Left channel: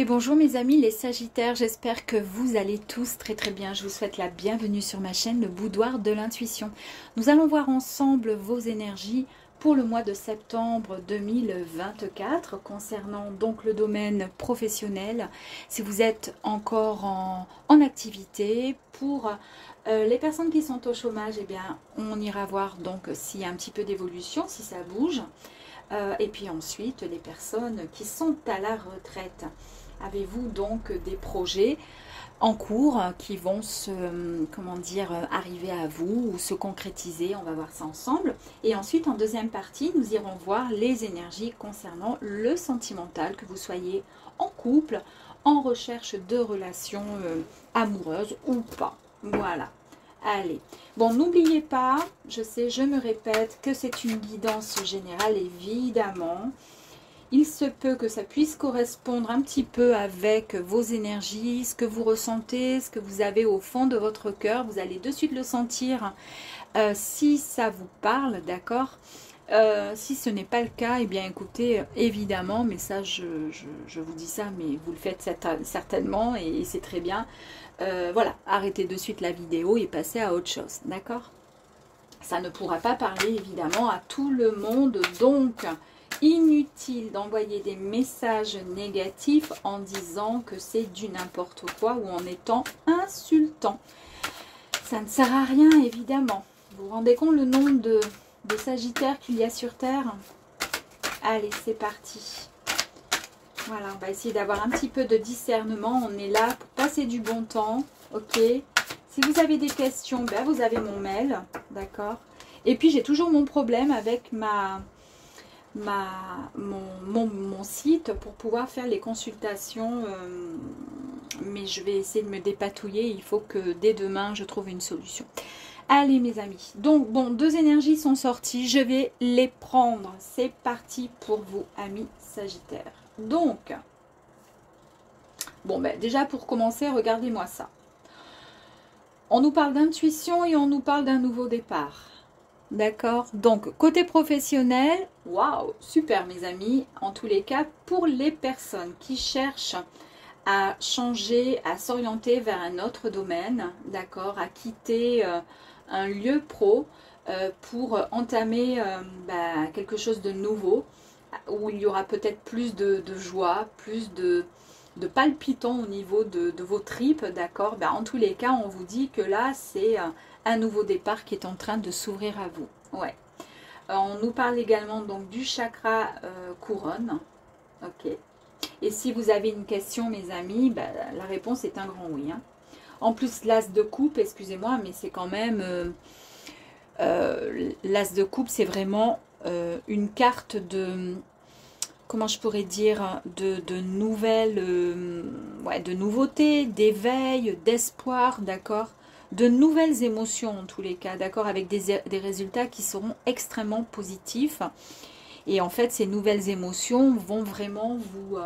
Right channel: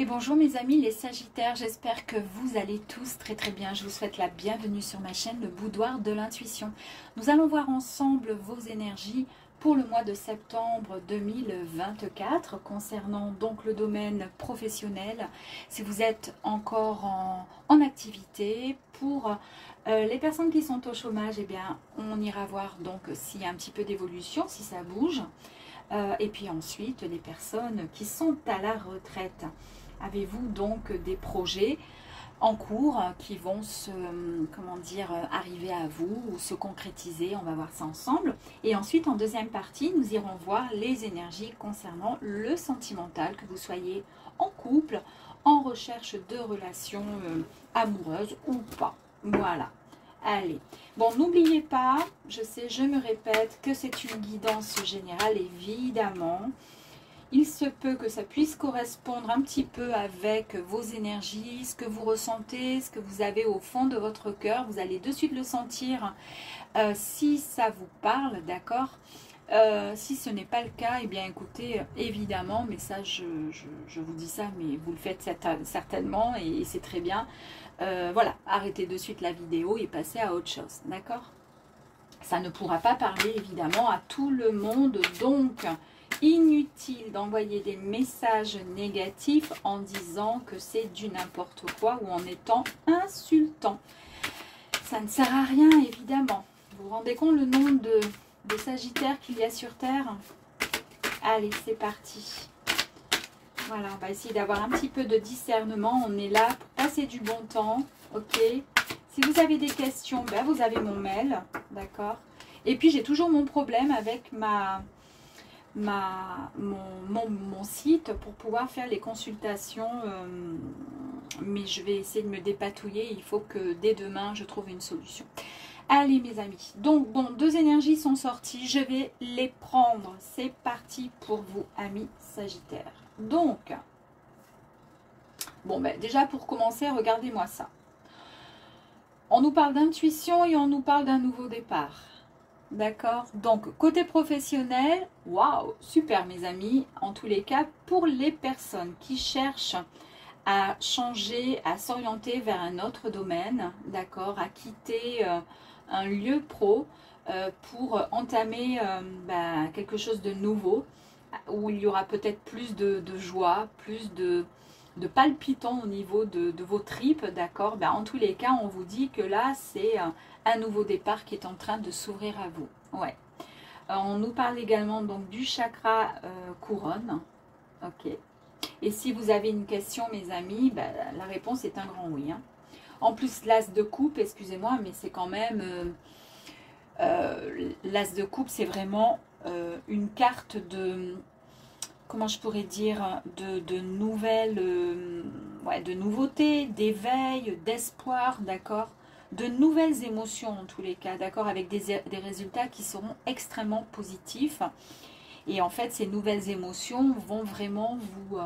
Et bonjour mes amis les Sagittaires, j'espère que vous allez tous très très bien. Je vous souhaite la bienvenue sur ma chaîne, le Boudoir de l'Intuition. Nous allons voir ensemble vos énergies pour le mois de septembre 2024 concernant donc le domaine professionnel. Si vous êtes encore en activité, pour les personnes qui sont au chômage, eh bien on ira voir donc s'il y a un petit peu d'évolution, si ça bouge. Et puis ensuite les personnes qui sont à la retraite. Avez-vous donc des projets en cours qui vont arriver à vous ou se concrétiser? On va voir ça ensemble. Et ensuite, en deuxième partie, nous irons voir les énergies concernant le sentimental, que vous soyez en couple, en recherche de relations amoureuses ou pas. Voilà. Allez. Bon, n'oubliez pas, je sais, je me répète, que c'est une guidance générale, évidemment. Il se peut que ça puisse correspondre un petit peu avec vos énergies, ce que vous ressentez, ce que vous avez au fond de votre cœur. Vous allez de suite le sentir si ça vous parle, d'accord? Si ce n'est pas le cas, eh bien écoutez, évidemment, mais ça je vous dis ça, mais vous le faites certainement et c'est très bien. Voilà, arrêtez de suite la vidéo et passez à autre chose, d'accord? Ça ne pourra pas parler évidemment à tout le monde, donc inutile d'envoyer des messages négatifs en disant que c'est du n'importe quoi ou en étant insultant. Ça ne sert à rien, évidemment. Vous vous rendez compte le nombre de Sagittaires qu'il y a sur Terre? Allez, c'est parti. Voilà, on va essayer d'avoir un petit peu de discernement. On est là pour passer du bon temps, ok? Si vous avez des questions, ben vous avez mon mail, d'accord? Et puis, j'ai toujours mon problème avec mon site pour pouvoir faire les consultations, mais je vais essayer de me dépatouiller. Il faut que dès demain je trouve une solution. Allez mes amis, donc bon, deux énergies sont sorties, je vais les prendre. C'est parti pour vous amis Sagittaires. Donc bon, ben déjà pour commencer, regardez-moi ça. On nous parle d'intuition et on nous parle d'un nouveau départ. D'accord, donc côté professionnel, waouh, super mes amis. En tous les cas, pour les personnes qui cherchent à changer, à s'orienter vers un autre domaine, d'accord, à quitter un lieu pro pour entamer quelque chose de nouveau, où il y aura peut-être plus de joie, plus de palpitants au niveau de vos tripes, d'accord. Ben, en tous les cas, on vous dit que là, c'est un nouveau départ qui est en train de s'ouvrir à vous. Ouais. On nous parle également donc du chakra couronne. Ok. Et si vous avez une question, mes amis, ben, la réponse est un grand oui. Hein. En plus, l'as de coupe, excusez-moi, mais c'est quand même... l'as de coupe, c'est vraiment une carte de... Comment je pourrais dire, de nouvelles, de nouveautés, d'éveil, d'espoir, d'accord, de nouvelles émotions en tous les cas, d'accord, avec des résultats qui seront extrêmement positifs. Et en fait, ces nouvelles émotions vont vraiment vous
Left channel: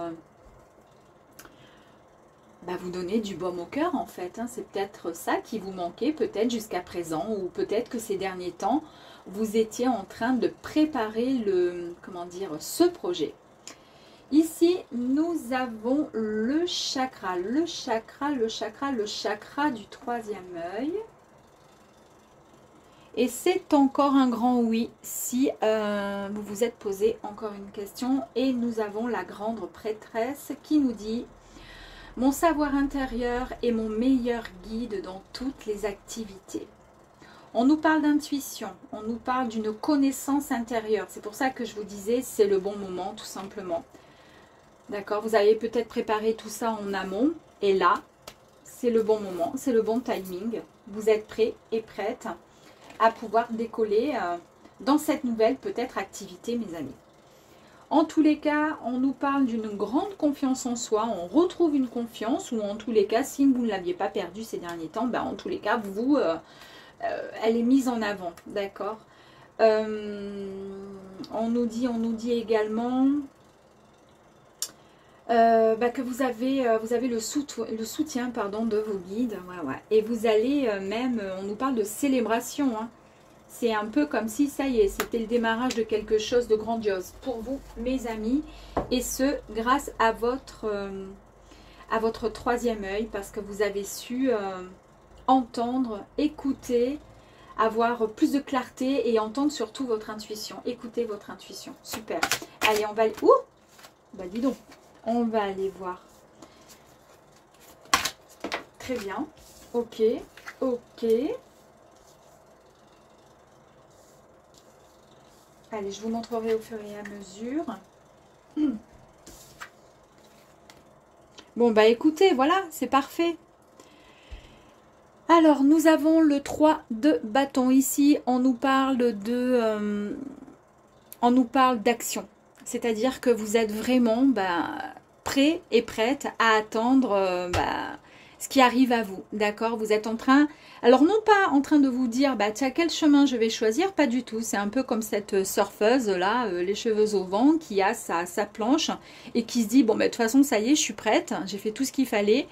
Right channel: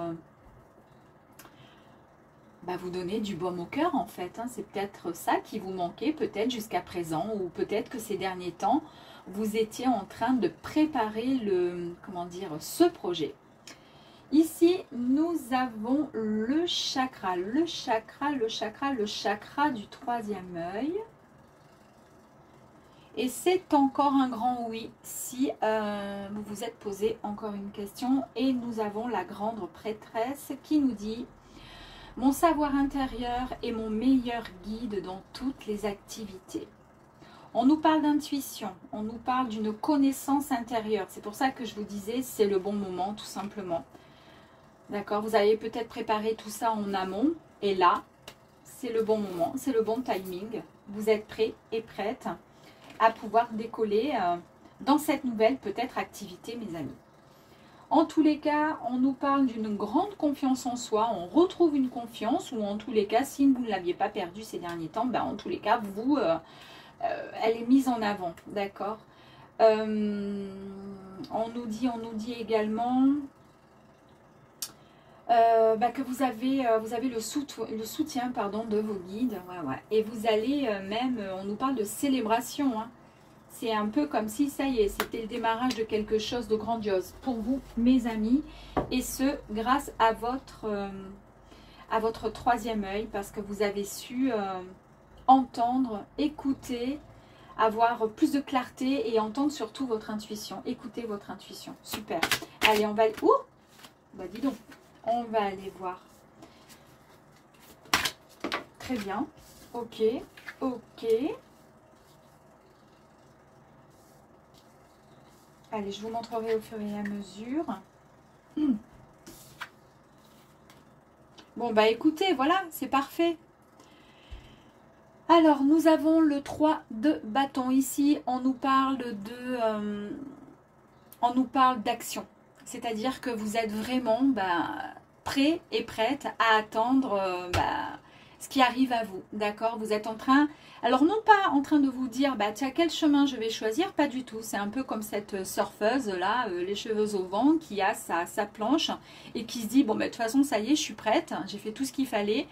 donner du baume au cœur, en fait. Hein. C'est peut-être ça qui vous manquait, peut-être jusqu'à présent, ou peut-être que ces derniers temps, vous étiez en train de préparer ce projet. Ici, nous avons le chakra du troisième œil. Et c'est encore un grand oui si vous vous êtes posé encore une question. Et nous avons la grande prêtresse qui nous dit « Mon savoir intérieur est mon meilleur guide dans toutes les activités. » On nous parle d'intuition, on nous parle d'une connaissance intérieure. C'est pour ça que je vous disais, c'est le bon moment tout simplement. D'accord, vous avez peut-être préparé tout ça en amont. Et là, c'est le bon moment, c'est le bon timing. Vous êtes prêts et prêtes à pouvoir décoller dans cette nouvelle peut-être activité, mes amis. En tous les cas, on nous parle d'une grande confiance en soi. On retrouve une confiance, ou en tous les cas, si vous ne l'aviez pas perdue ces derniers temps, ben, en tous les cas, elle est mise en avant. D'accord. On nous dit également... que vous avez le soutien de vos guides. Ouais. Et vous allez on nous parle de célébration. Hein. C'est un peu comme si, ça y est, c'était le démarrage de quelque chose de grandiose pour vous, mes amis. Et ce, grâce à votre à votre troisième œil parce que vous avez su entendre, écouter, avoir plus de clarté et entendre surtout votre intuition. Écoutez votre intuition. Super. Allez, on va... Ouh, bah dis donc. On va aller voir. Très bien. Ok. Ok. Allez, je vous montrerai au fur et à mesure. Bon, bah écoutez, voilà, c'est parfait. Alors, nous avons le 3 de bâton. Ici, on nous parle d'action. C'est-à-dire que vous êtes vraiment prêt et prête à attendre ce qui arrive à vous. D'accord? Vous êtes en train... Alors, non pas en train de vous dire, tiens, quel chemin je vais choisir, pas du tout. C'est un peu comme cette surfeuse-là, les cheveux au vent, qui a sa planche et qui se dit, bon, de toute façon, ça y est, je suis prête, j'ai fait tout ce qu'il fallait.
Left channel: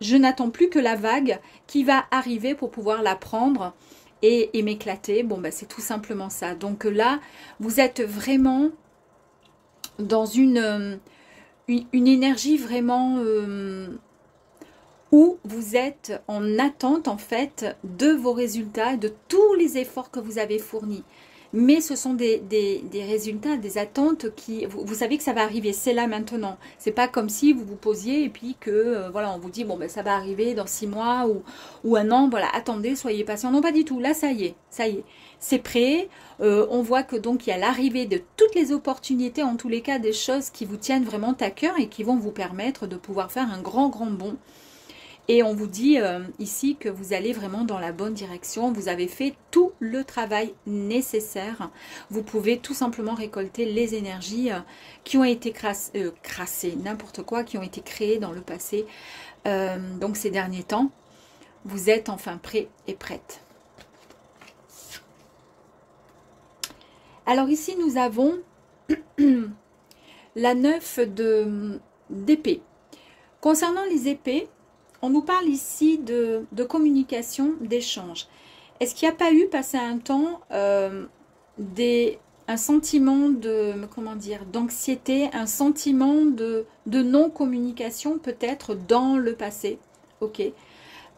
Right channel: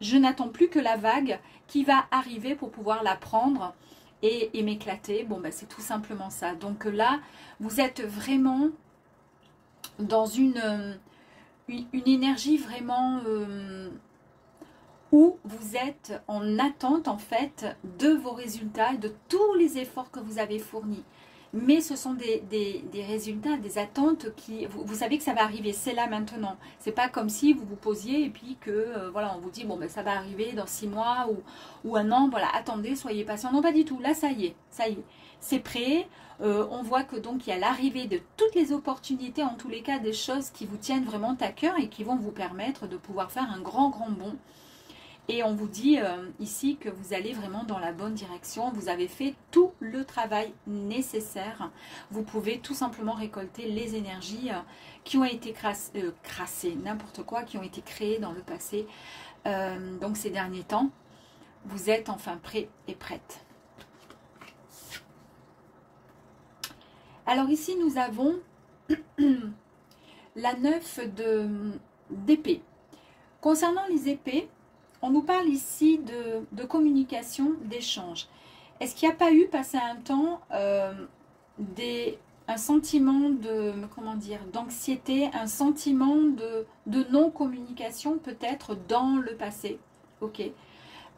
Je n'attends plus que la vague qui va arriver pour pouvoir la prendre et m'éclater. Bon, c'est tout simplement ça. Donc là, vous êtes vraiment dans une énergie vraiment... où vous êtes en attente en fait de vos résultats et de tous les efforts que vous avez fournis. Mais ce sont des résultats, des attentes qui... Vous savez que ça va arriver, c'est là maintenant. C'est pas comme si vous vous posiez et puis que, voilà, on vous dit, bon, ça va arriver dans 6 mois ou un an. Voilà, attendez, soyez patient. Non, pas du tout. Là, ça y est, c'est prêt. On voit que donc il y a l'arrivée de toutes les opportunités, en tous les cas, des choses qui vous tiennent vraiment à cœur et qui vont vous permettre de pouvoir faire un grand bond. Et on vous dit ici que vous allez vraiment dans la bonne direction. Vous avez fait tout le travail nécessaire. Vous pouvez tout simplement récolter les énergies qui ont été crassées, n'importe quoi, qui ont été créées dans le passé. Donc ces derniers temps, vous êtes enfin prêts et prêtes. Alors ici, nous avons la 9 d'épée. Concernant les épées, on nous parle ici de communication, d'échange. Est-ce qu'il n'y a pas eu, passé un temps, un sentiment d'anxiété, un sentiment de non-communication peut-être dans le passé? Ok.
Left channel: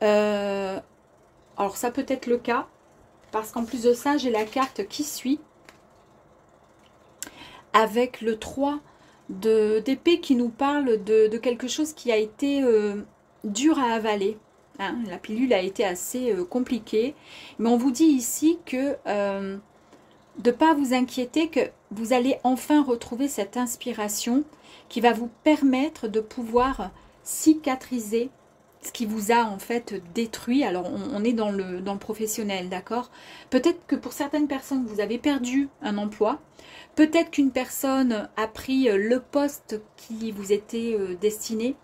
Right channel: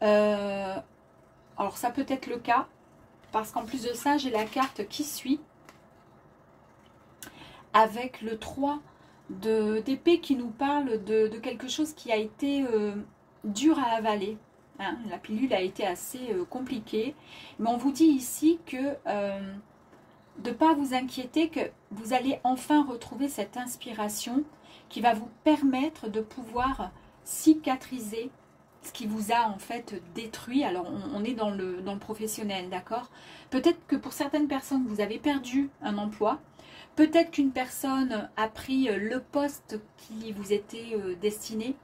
Alors ça peut être le cas, parce qu'en plus de ça, j'ai la carte qui suit, avec le 3 d'épée qui nous parle de quelque chose qui a été... dur à avaler, hein. La pilule a été assez compliquée, mais on vous dit ici que de ne pas vous inquiéter, que vous allez enfin retrouver cette inspiration qui va vous permettre de pouvoir cicatriser ce qui vous a en fait détruit. Alors on est dans le professionnel, d'accord? Peut-être que pour certaines personnes, vous avez perdu un emploi, peut-être qu'une personne a pris le poste qui vous était destiné,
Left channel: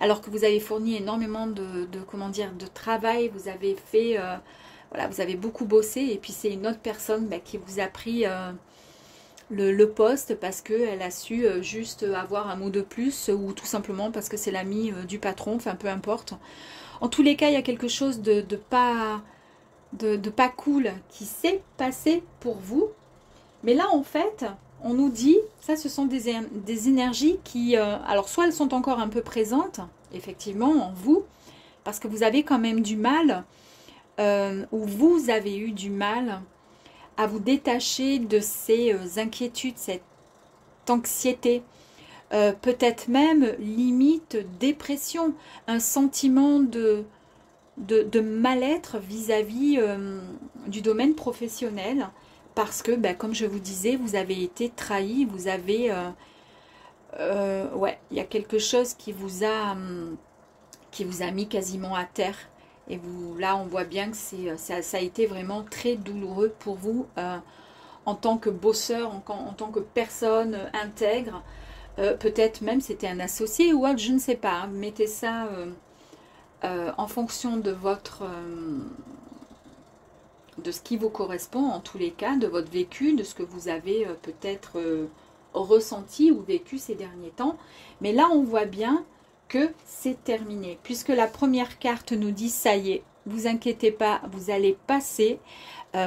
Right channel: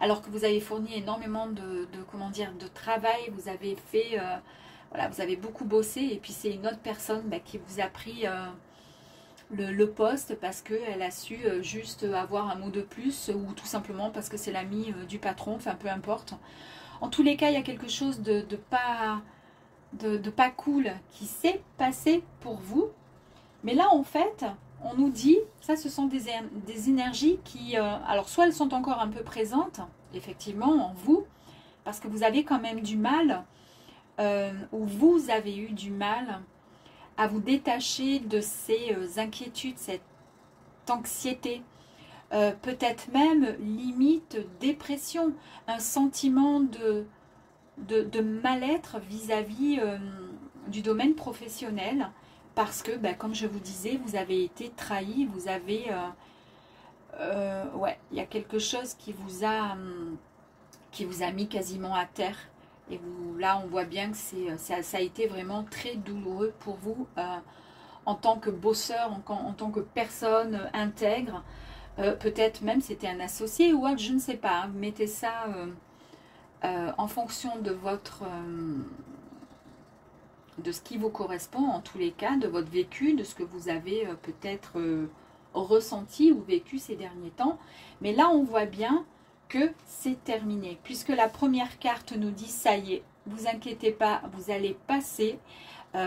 alors que vous avez fourni énormément de travail, vous avez fait, voilà, vous avez beaucoup bossé, et puis c'est une autre personne qui vous a pris le poste parce qu'elle a su juste avoir un mot de plus, ou tout simplement parce que c'est l'ami du patron, enfin peu importe. En tous les cas, il y a quelque chose de pas cool qui s'est passé pour vous, mais là en fait... On nous dit, ça ce sont des énergies qui, alors soit elles sont encore un peu présentes, effectivement, en vous, parce que vous avez quand même du mal, ou vous avez eu du mal à vous détacher de ces inquiétudes, cette anxiété, peut-être même limite dépression, un sentiment de mal-être vis-à-vis du domaine professionnel. Parce que, comme je vous disais, vous avez été trahi, vous avez... ouais, il y a quelque chose qui vous a mis quasiment à terre. Et vous, là, on voit bien que ça a été vraiment très douloureux pour vous en tant que bosseur, en tant que personne intègre. Peut-être même c'était un associé ou autre, je ne sais pas. Hein, mettez ça en fonction de votre... de ce qui vous correspond en tous les cas, de votre vécu, de ce que vous avez peut-être ressenti ou vécu ces derniers temps. Mais là, on voit bien que c'est terminé, puisque la première carte nous dit ça y est, vous inquiétez pas, vous allez passer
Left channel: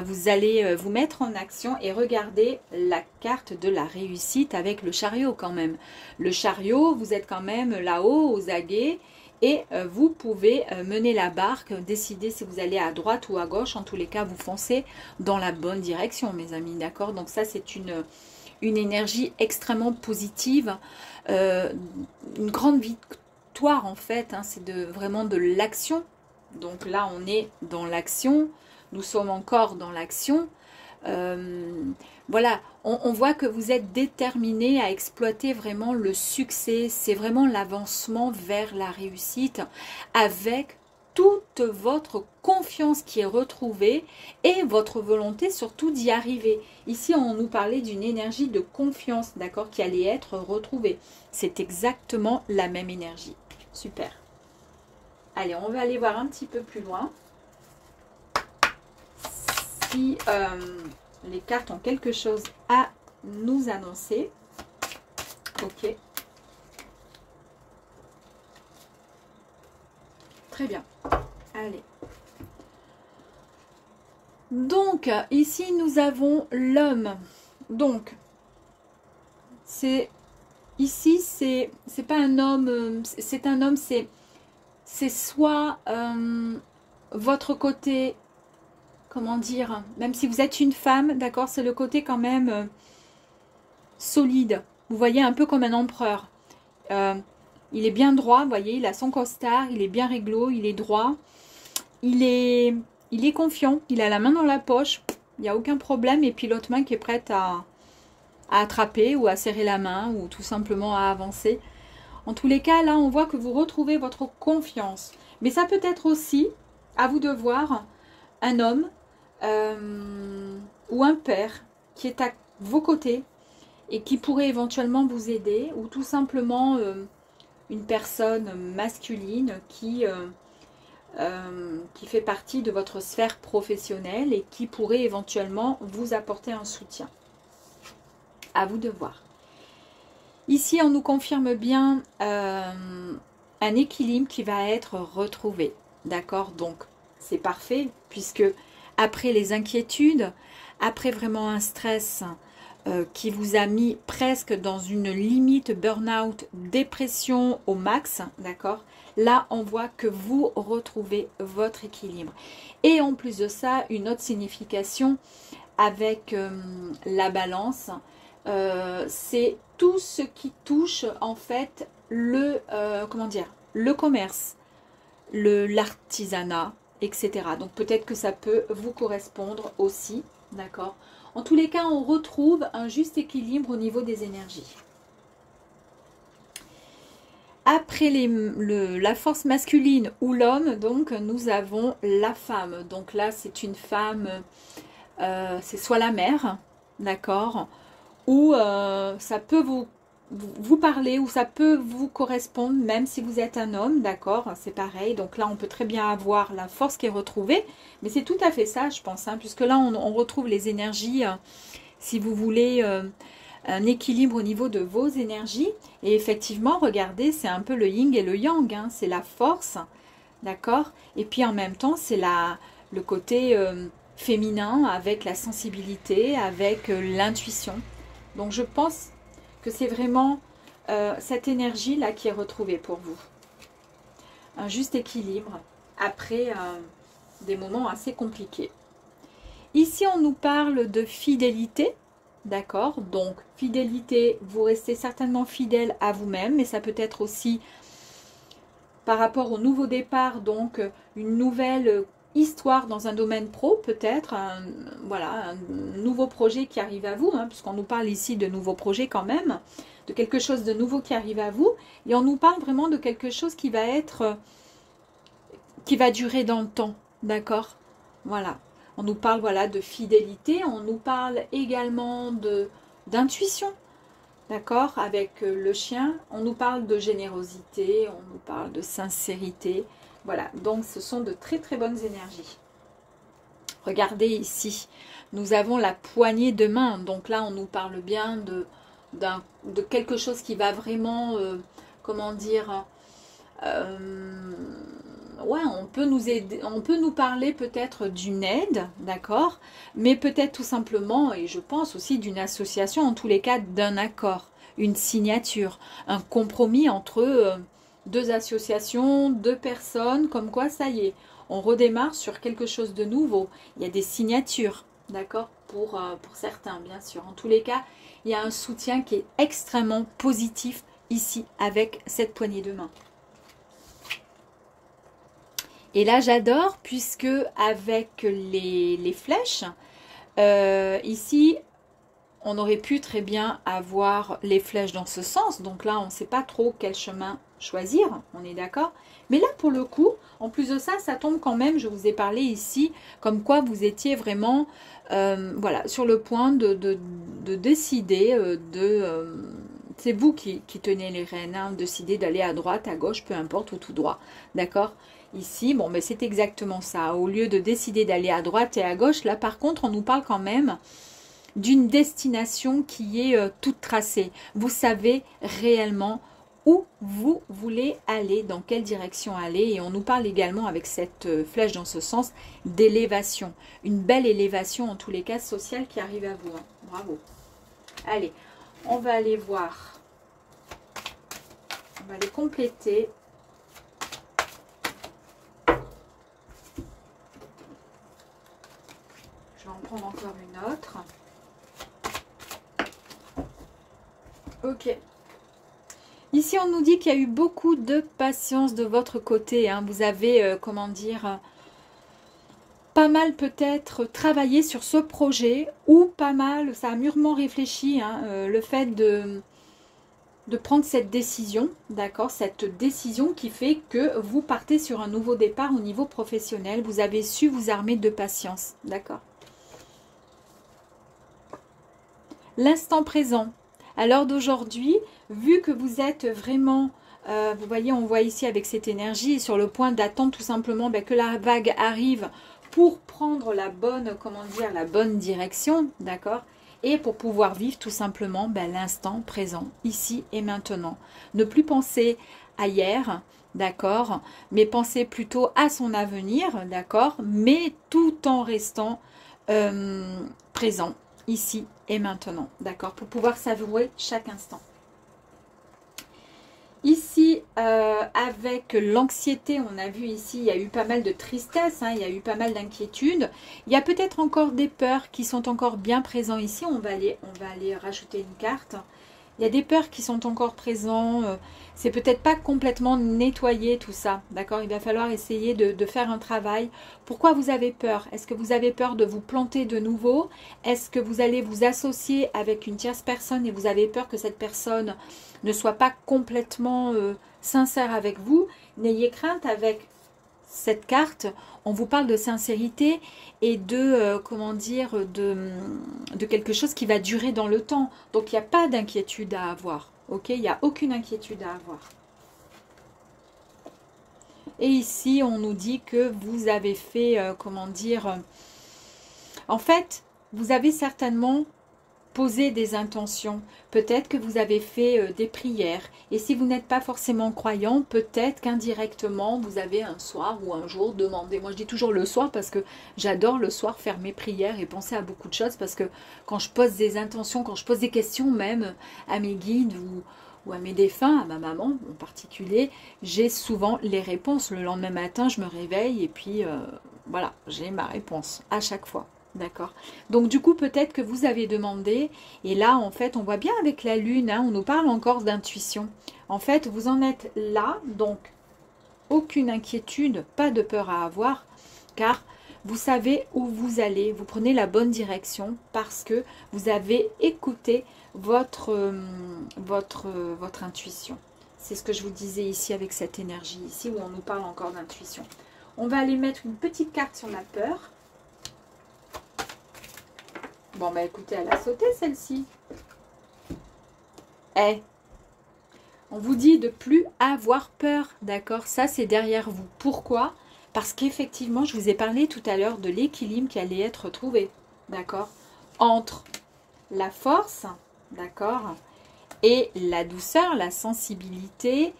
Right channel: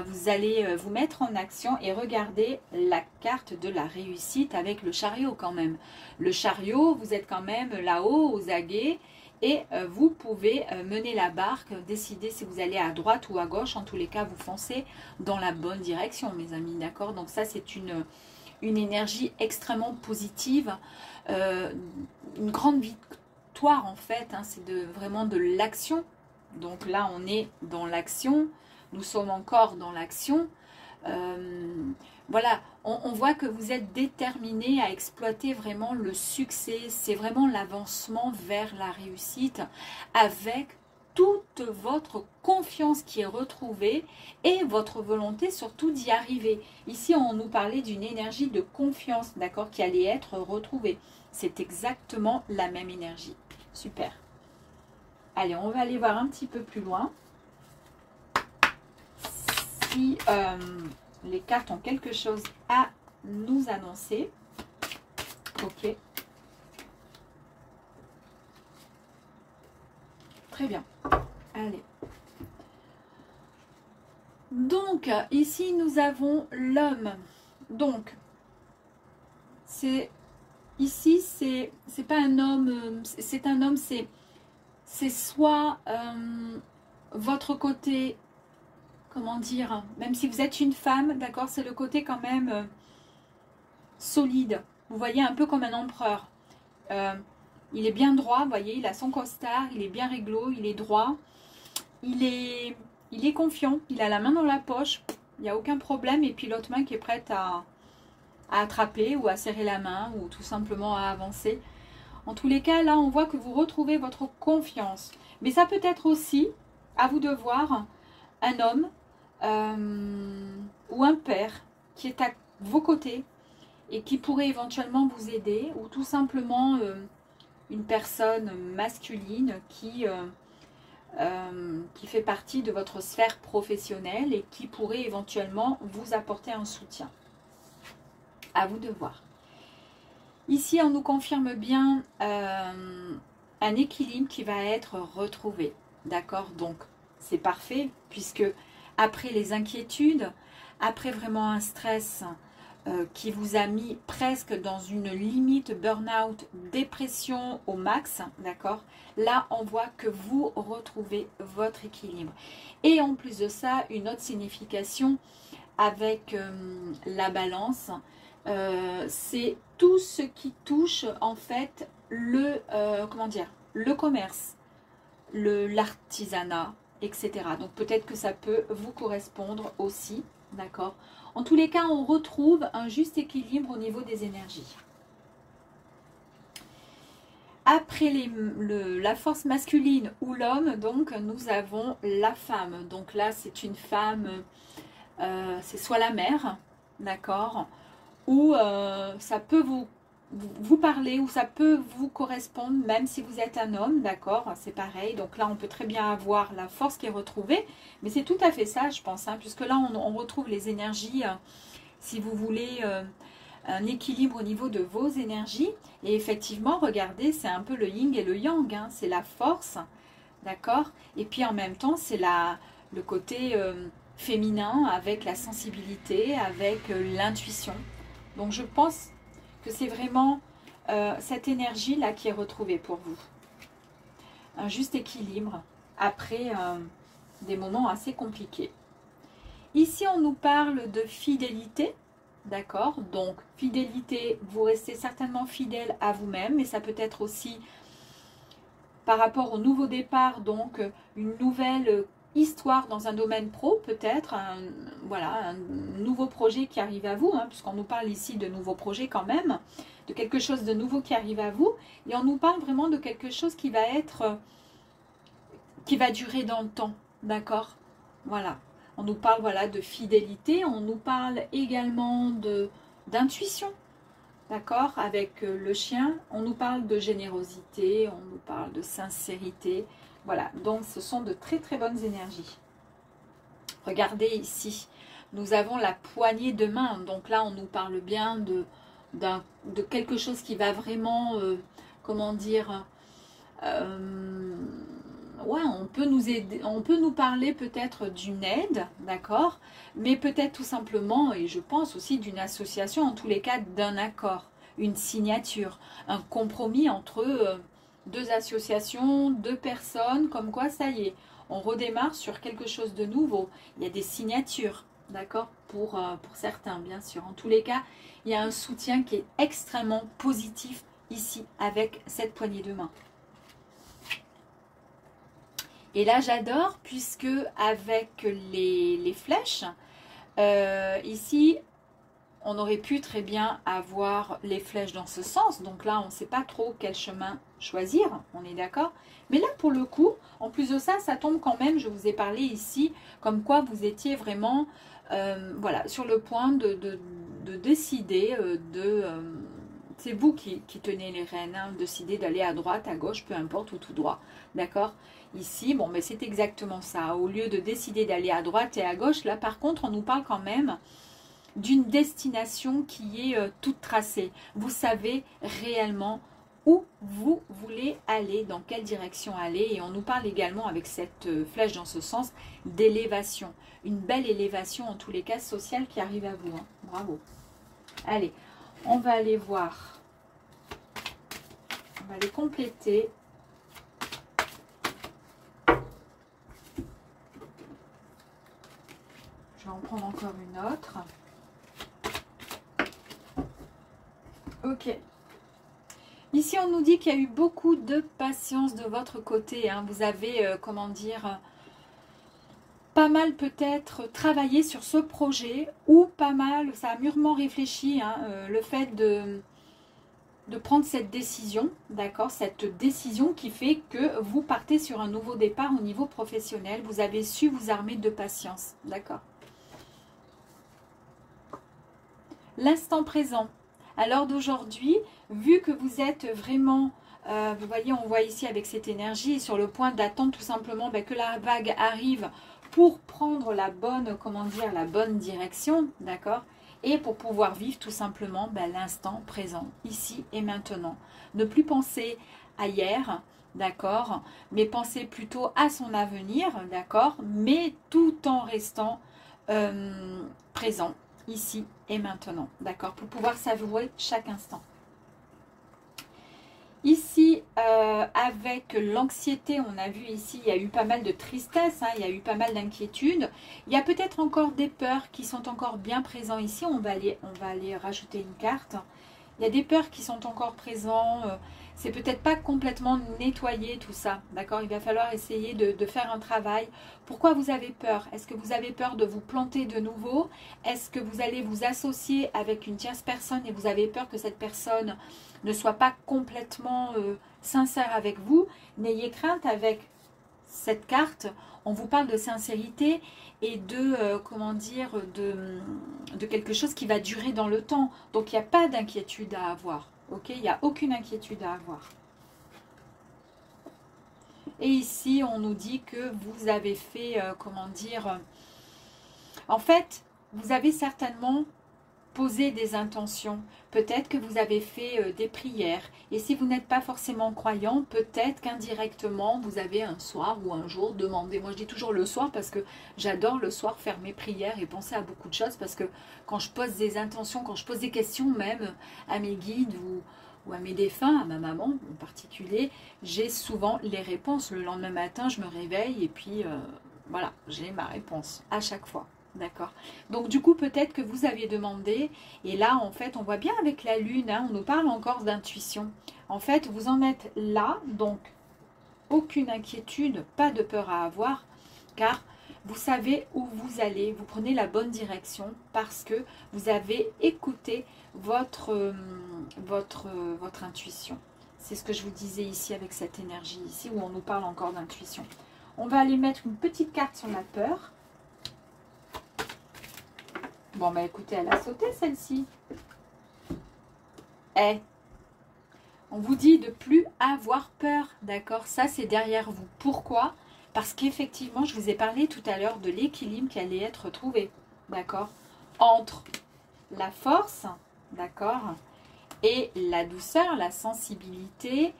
vous allez vous mettre en action et regarder la carte de la réussite avec le chariot quand même. Le chariot, vous êtes quand même là-haut aux aguets et vous pouvez mener la barque, décider si vous allez à droite ou à gauche. En tous les cas, vous foncez dans la bonne direction, mes amis, d'accord? Donc ça, c'est une énergie extrêmement positive, une grande victoire en fait, hein, c'est vraiment de l'action. Donc là, on est dans l'action. Nous sommes encore dans l'action. Voilà, on voit que vous êtes déterminé à exploiter vraiment le succès. C'est vraiment l'avancement vers la réussite avec toute votre confiance qui est retrouvée et votre volonté surtout d'y arriver. Ici, on nous parlait d'une énergie de confiance, d'accord, qui allait être retrouvée. C'est exactement la même énergie. Super. Allez, on va aller voir un petit peu plus loin. Si les cartes ont quelque chose à nous annoncer. Ok. Très bien. Allez. Donc, ici, nous avons l'homme. Donc, ici, c'est pas un homme, c'est un homme, c'est soit votre côté, comment dire, même si vous êtes une femme, d'accord, c'est le côté quand même solide. Vous voyez, un peu comme un empereur. Il est bien droit, vous voyez, il a son costard, il est bien réglo, il est droit. Il est confiant, il a la main dans la poche, il n'y a aucun problème. Et puis l'autre main qui est prête à attraper ou à serrer la main ou tout simplement à avancer. En tous les cas, là, on voit que vous retrouvez votre confiance. Mais ça peut être aussi, à vous de voir, un homme ou un père qui est à vos côtés et qui pourrait éventuellement vous aider, ou tout simplement une personne masculine qui fait partie de votre sphère professionnelle et qui pourrait éventuellement vous apporter un soutien. À vous de voir. Ici, on nous confirme bien un équilibre qui va être retrouvé. D'accord? Donc, c'est parfait puisque après les inquiétudes, après vraiment un stress qui vous a mis presque dans une limite burn-out, dépression au max, d'accord? Là, on voit que vous retrouvez votre équilibre. Et en plus de ça, une autre signification avec la balance, c'est tout ce qui touche en fait comment dire, le commerce, l'artisanat, etc. Donc peut-être que ça peut vous correspondre aussi, d'accord? En tous les cas, on retrouve un juste équilibre au niveau des énergies. Après la force masculine ou l'homme, donc nous avons la femme. Donc là, c'est une femme, c'est soit la mère, d'accord, ou ça peut vous parler, ou ça peut vous correspondre, même si vous êtes un homme, d'accord, c'est pareil. Donc là, on peut très bien avoir la force qui est retrouvée, mais c'est tout à fait ça, je pense, hein, puisque là, on retrouve les énergies, si vous voulez, un équilibre au niveau de vos énergies. Et effectivement, regardez, c'est un peu le yin et le yang, hein, c'est la force, d'accord, et puis en même temps, c'est le côté féminin avec la sensibilité, avec l'intuition. Donc je pense que c'est vraiment cette énergie-là qui est retrouvée pour vous. Un juste équilibre après des moments assez compliqués. Ici, on nous parle de fidélité, d'accord? Donc, fidélité, vous restez certainement fidèle à vous-même, mais ça peut être aussi par rapport au nouveau départ, donc une nouvelle histoire dans un domaine pro, peut-être, voilà, un nouveau projet qui arrive à vous, hein, puisqu'on nous parle ici de nouveaux projets quand même, de quelque chose de nouveau qui arrive à vous, et on nous parle vraiment de quelque chose qui va être, qui va durer dans le temps, d'accord? Voilà, on nous parle, voilà, de fidélité, on nous parle également d'intuition, d'accord, avec le chien, on nous parle de générosité, on nous parle de sincérité. Voilà, donc ce sont de très très bonnes énergies. Regardez ici, nous avons la poignée de main. Donc là, on nous parle bien de quelque chose qui va vraiment, comment dire, ouais, on peut nous aider, on peut nous parler peut-être d'une aide, d'accord, mais peut-être tout simplement, et je pense aussi d'une association, en tous les cas d'un accord, une signature, un compromis entre deux associations, deux personnes, comme quoi ça y est, on redémarre sur quelque chose de nouveau. Il y a des signatures, d'accord, pour certains, bien sûr. En tous les cas, il y a un soutien qui est extrêmement positif ici avec cette poignée de main. Et là, j'adore puisque avec les flèches, ici, on aurait pu très bien avoir les flèches dans ce sens. Donc là, on ne sait pas trop quel chemin choisir, on est d'accord. Mais là, pour le coup, en plus de ça, ça tombe quand même, je vous ai parlé ici, comme quoi vous étiez vraiment voilà, sur le point de décider, c'est vous qui tenez les rênes, hein, décider d'aller à droite, à gauche, peu importe, ou tout droit, d'accord. Ici, bon, mais c'est exactement ça. Au lieu de décider d'aller à droite et à gauche, là, par contre, on nous parle quand même d'une destination qui est toute tracée. Vous savez réellement où vous voulez aller, dans quelle direction aller. Et on nous parle également avec cette flèche dans ce sens d'élévation. Une belle élévation, en tous les cas, sociale qui arrive à vous. Hein. Bravo. Allez, on va aller voir. On va les compléter. Je vais en prendre encore une autre. Ok. Ici, on nous dit qu'il y a eu beaucoup de patience de votre côté. Hein. Vous avez, comment dire, pas mal peut-être travaillé sur ce projet ou pas mal, ça a mûrement réfléchi, hein, le fait de prendre cette décision, d'accord, cette décision qui fait que vous partez sur un nouveau départ au niveau professionnel. Vous avez su vous armer de patience, d'accord. L'instant présent. À l'heure d'aujourd'hui, vu que vous êtes vraiment, vous voyez, on voit ici avec cette énergie, sur le point d'attendre tout simplement que la vague arrive pour prendre la bonne, comment dire, la bonne direction, d'accord, et pour pouvoir vivre tout simplement l'instant présent, ici et maintenant. Ne plus penser à hier, d'accord, mais penser plutôt à son avenir, d'accord, mais tout en restant présent, ici et maintenant, d'accord, pour pouvoir savourer chaque instant. Ici, avec l'anxiété, on a vu ici, il y a eu pas mal de tristesse, hein, il y a eu pas mal d'inquiétude. Il y a peut-être encore des peurs qui sont encore bien présentes ici. On va aller rajouter une carte. Il y a des peurs qui sont encore présentes. C'est peut-être pas complètement nettoyé tout ça, d'accord. Il va falloir essayer de faire un travail. Pourquoi vous avez peur? Est-ce que vous avez peur de vous planter de nouveau? Est-ce que vous allez vous associer avec une tierce personne et vous avez peur que cette personne ne soit pas complètement sincère avec vous? N'ayez crainte avec cette carte. On vous parle de sincérité et de, comment dire, de quelque chose qui va durer dans le temps. Donc, il n'y a pas d'inquiétude à avoir. Ok, il n'y a aucune inquiétude à avoir. Et ici, on nous dit que vous avez fait, comment dire, en fait, vous avez certainement posé des intentions. Peut-être que vous avez fait des prières. Et si vous n'êtes pas forcément croyant, peut-être qu'indirectement, vous avez un soir ou un jour demandé. Moi, je dis toujours le soir parce que j'adore le soir faire mes prières et penser à beaucoup de choses. Parce que quand je pose des intentions, quand je pose des questions même à mes guides ou à mes défunts, à ma maman en particulier, j'ai souvent les réponses. Le lendemain matin, je me réveille et puis voilà, j'ai ma réponse à chaque fois. D'accord. Donc, du coup, peut-être que vous avez demandé, et là, en fait, on voit bien avec la lune, hein, on nous parle encore d'intuition. En fait, vous en êtes là, donc, aucune inquiétude, pas de peur à avoir, car vous savez où vous allez, vous prenez la bonne direction, parce que vous avez écouté votre intuition. C'est ce que je vous disais ici avec cette énergie, ici, où on nous parle encore d'intuition. On va aller mettre une petite carte sur la peur. Bon, bah écoutez, elle a sauté celle-ci. On vous dit de plus avoir peur, d'accord? Ça, c'est derrière vous. Pourquoi? Parce qu'effectivement, je vous ai parlé tout à l'heure de l'équilibre qui allait être trouvé, d'accord? Entre la force, d'accord? Et la douceur, la sensibilité,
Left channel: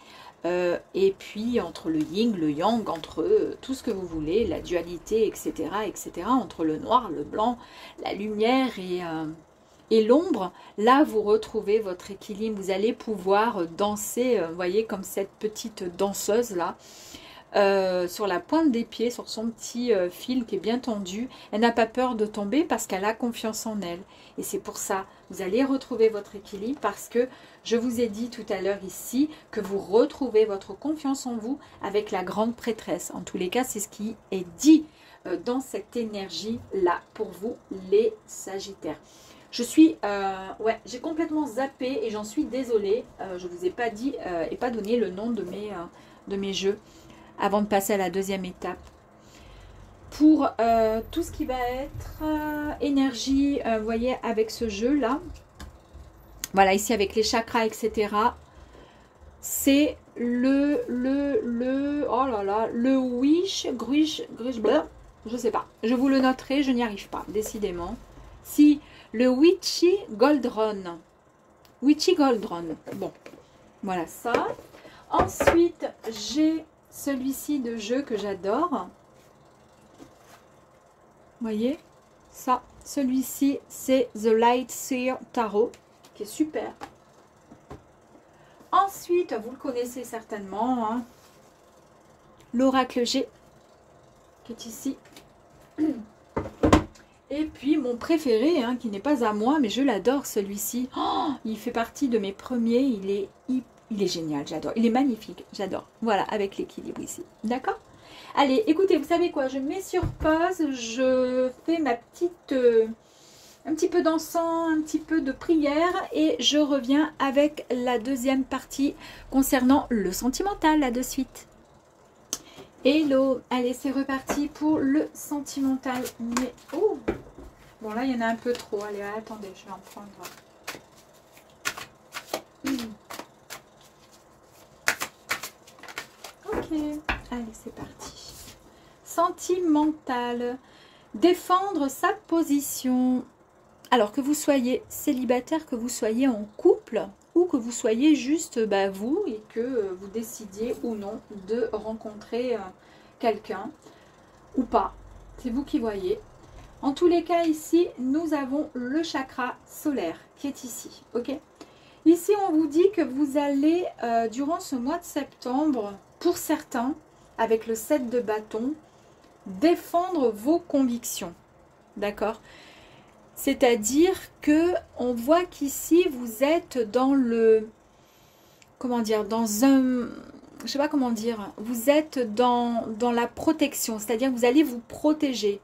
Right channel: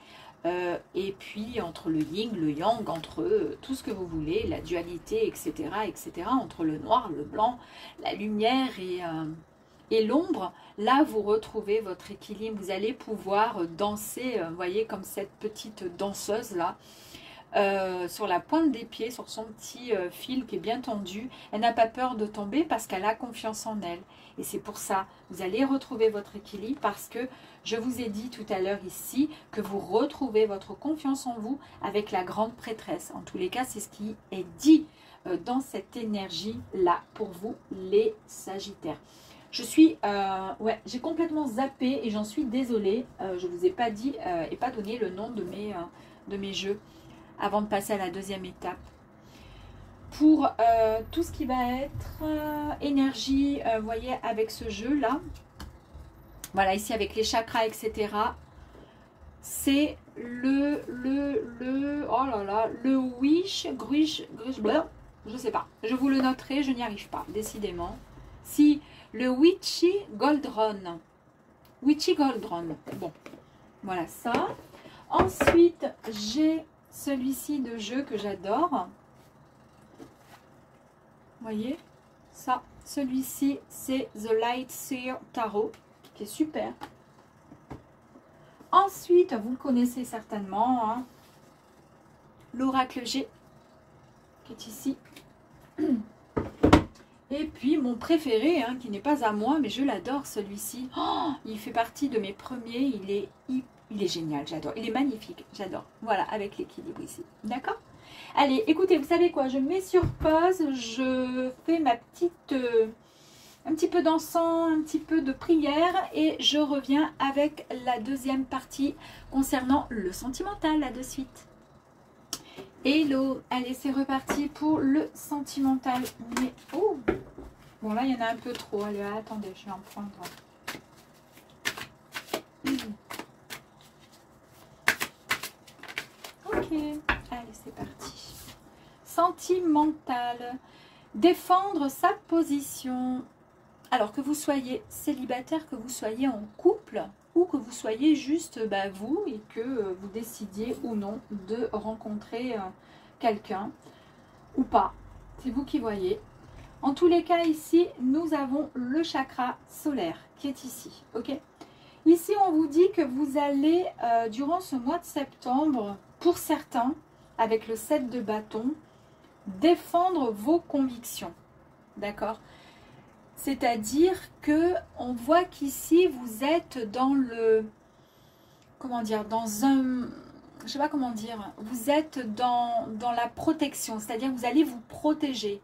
et puis entre le yin, le yang, entre tout ce que vous voulez, la dualité, etc., etc., entre le noir, le blanc, la lumière et l'ombre, là vous retrouvez votre équilibre, vous allez pouvoir danser, vous voyez, comme cette petite danseuse là, sur la pointe des pieds, sur son petit fil qui est bien tendu. Elle n'a pas peur de tomber parce qu'elle a confiance en elle. Et c'est pour ça, vous allez retrouver votre équilibre parce que je vous ai dit tout à l'heure ici que vous retrouvez votre confiance en vous avec la grande prêtresse. En tous les cas, c'est ce qui est dit dans cette énergie-là pour vous, les Sagittaires. Je suis, ouais, j'ai complètement zappé et j'en suis désolée. Je ne vous ai pas dit et pas donné le nom de mes jeux avant de passer à la deuxième étape. Pour tout ce qui va être énergie, vous voyez, avec ce jeu-là, voilà, ici avec les chakras, etc., c'est oh là là, le wish, grish, je sais pas, je vous le noterai, je n'y arrive pas, décidément. Si, le Witchy Goldron, bon, voilà ça. Ensuite, j'ai celui-ci de jeu que j'adore. Vous voyez ça, celui-ci c'est The Light Seer Tarot qui est super. Ensuite, vous le connaissez certainement, hein, l'Oracle G qui est ici. Et puis mon préféré, hein, qui n'est pas à moi, mais je l'adore celui-ci. Oh, il fait partie de mes premiers, il est génial, j'adore. Il est magnifique, j'adore. Voilà, avec l'équilibre ici. D'accord? Allez, écoutez, vous savez quoi? Je mets sur pause, je fais ma petite... un petit peu d'encens, un petit peu de prière et je reviens avec la deuxième partie concernant le sentimental, là de suite. Hello, allez, c'est reparti pour le sentimental. Mais, oh, bon là, il y en a un peu trop. Allez, attendez, je vais en prendre... Ok, allez, c'est parti. Sentimental. Défendre sa position. Alors que vous soyez célibataire, que vous soyez en couple ou que vous soyez juste vous et que vous décidiez ou non de rencontrer quelqu'un ou pas. C'est vous qui voyez. En tous les cas, ici, nous avons le chakra solaire qui est ici. Ok. Ici, on vous dit que vous allez, durant ce mois de septembre, pour certains, avec le 7 de bâton, défendre vos convictions. D'accord? C'est-à-dire que on voit qu'ici, vous êtes dans le... Comment dire? Dans un... Je sais pas comment dire. Vous êtes dans la protection. C'est-à-dire que vous allez vous protéger.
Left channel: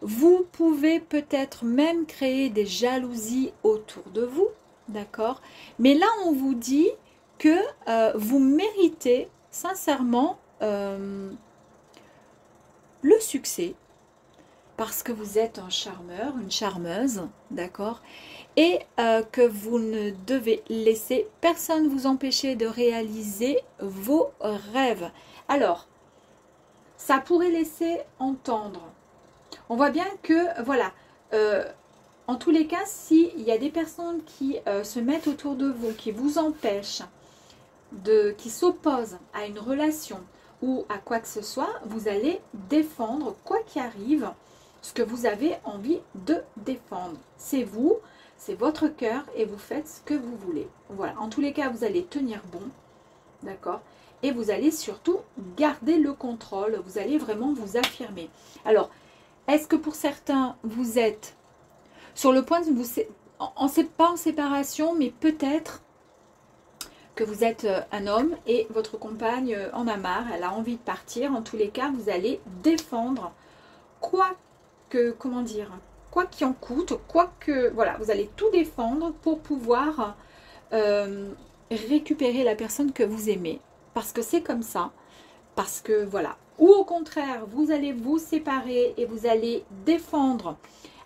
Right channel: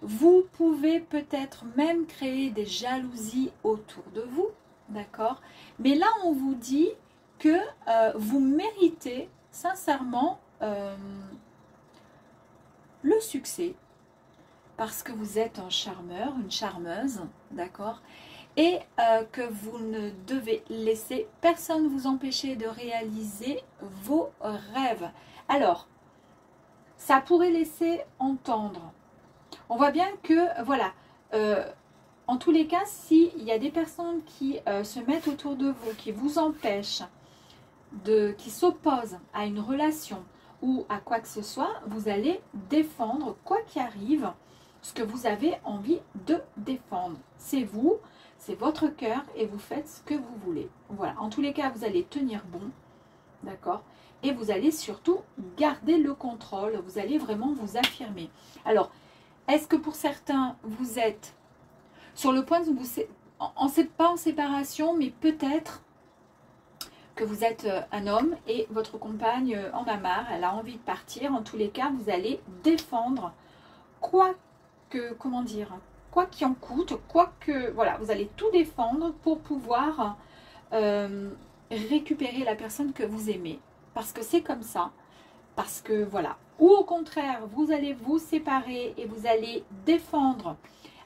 Vous pouvez peut-être même créer des jalousies autour de vous. D'accord? Mais là, on vous dit que vous méritez sincèrement le succès. Parce que vous êtes un charmeur, une charmeuse, d'accord? Et que vous ne devez laisser personne vous empêcher de réaliser vos rêves. Alors, ça pourrait laisser entendre. On voit bien que, voilà, en tous les cas, s'il y a des personnes qui se mettent autour de vous, qui vous empêchent, qui s'opposent à une relation ou à quoi que ce soit, vous allez défendre, quoi qu'il arrive, ce que vous avez envie de défendre. C'est vous, c'est votre cœur et vous faites ce que vous voulez. Voilà, en tous les cas, vous allez tenir bon, d'accord? Et vous allez surtout garder le contrôle, vous allez vraiment vous affirmer. Alors, est-ce que pour certains, vous êtes sur le point de vous... pas en séparation, mais peut-être que vous êtes un homme et votre compagne en a marre, elle a envie de partir. En tous les cas, vous allez défendre quoi qu'il en coûte, voilà, vous allez tout défendre pour pouvoir récupérer la personne que vous aimez. Parce que c'est comme ça, parce que voilà. Ou au contraire, vous allez vous séparer et vous allez défendre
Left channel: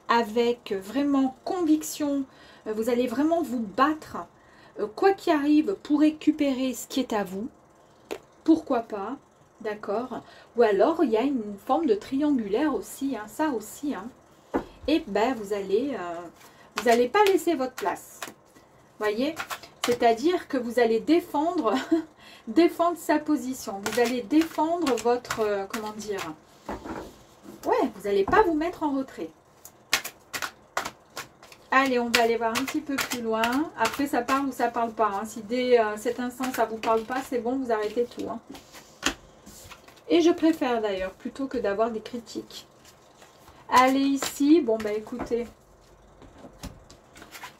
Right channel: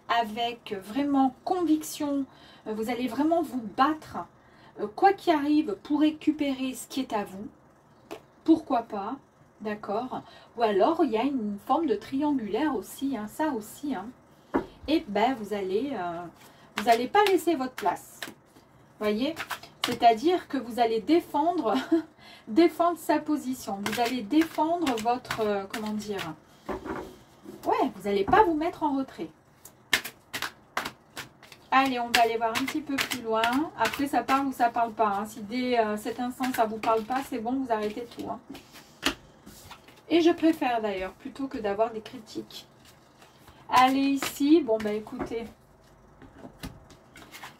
avec vraiment conviction, vous allez vraiment vous battre, quoi qu'il arrive, pour récupérer ce qui est à vous. Pourquoi pas? D'accord. Ou alors, il y a une forme de triangulaire aussi, hein, ça aussi. Hein. Et ben, vous allez pas laisser votre place. Voyez? C'est-à-dire que vous allez défendre défendre sa position. Vous allez défendre votre, comment dire, ouais, vous n'allez pas vous mettre en retrait. Allez, on va aller voir un petit peu plus loin. Après, ça parle ou ça parle pas. Hein. Si dès cet instant, ça vous parle pas, c'est bon, vous arrêtez tout. Hein. Et je préfère d'ailleurs, plutôt que d'avoir des critiques. Allez, ici, bon, bah écoutez.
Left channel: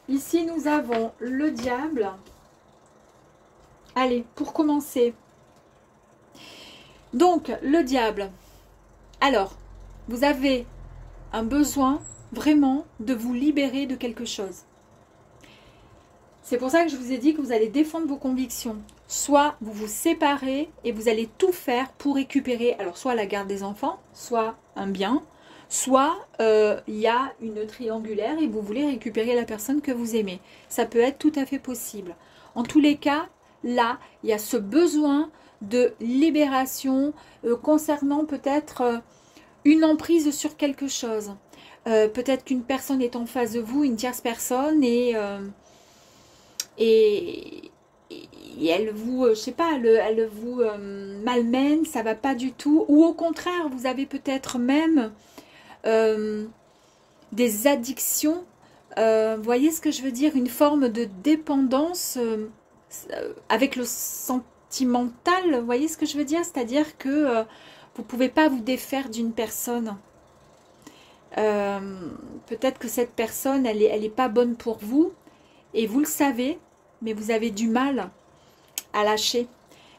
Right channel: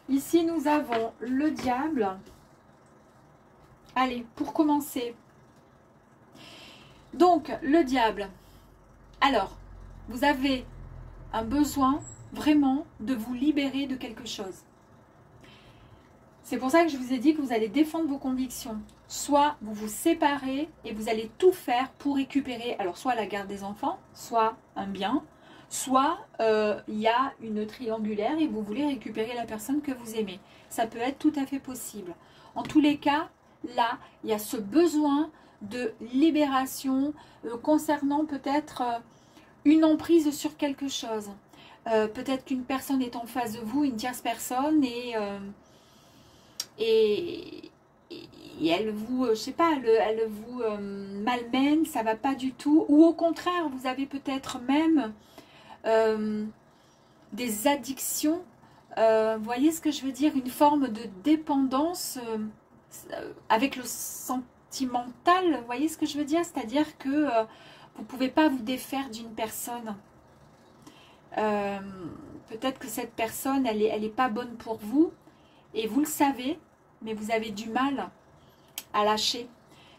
Ici, nous avons le diable. Allez, pour commencer. Donc, le diable. Alors, vous avez un besoin vraiment de vous libérer de quelque chose. C'est pour ça que je vous ai dit que vous allez défendre vos convictions. Soit vous vous séparez et vous allez tout faire pour récupérer, alors soit la garde des enfants, soit un bien, soit il y a une triangulaire et vous voulez récupérer la personne que vous aimez. Ça peut être tout à fait possible. En tous les cas, là, il y a ce besoin de libération concernant peut-être une emprise sur quelque chose. Peut-être qu'une personne est en face de vous, une tierce personne, et elle vous, je sais pas, elle vous malmène, ça va pas du tout. Ou au contraire, vous avez peut-être même des addictions. Vous voyez ce que je veux dire? Une forme de dépendance avec le sentimental. Vous voyez ce que je veux dire? C'est-à-dire que vous ne pouvez pas vous défaire d'une personne. Peut-être que cette personne, elle est pas bonne pour vous. Et vous le savez, mais vous avez du mal à lâcher.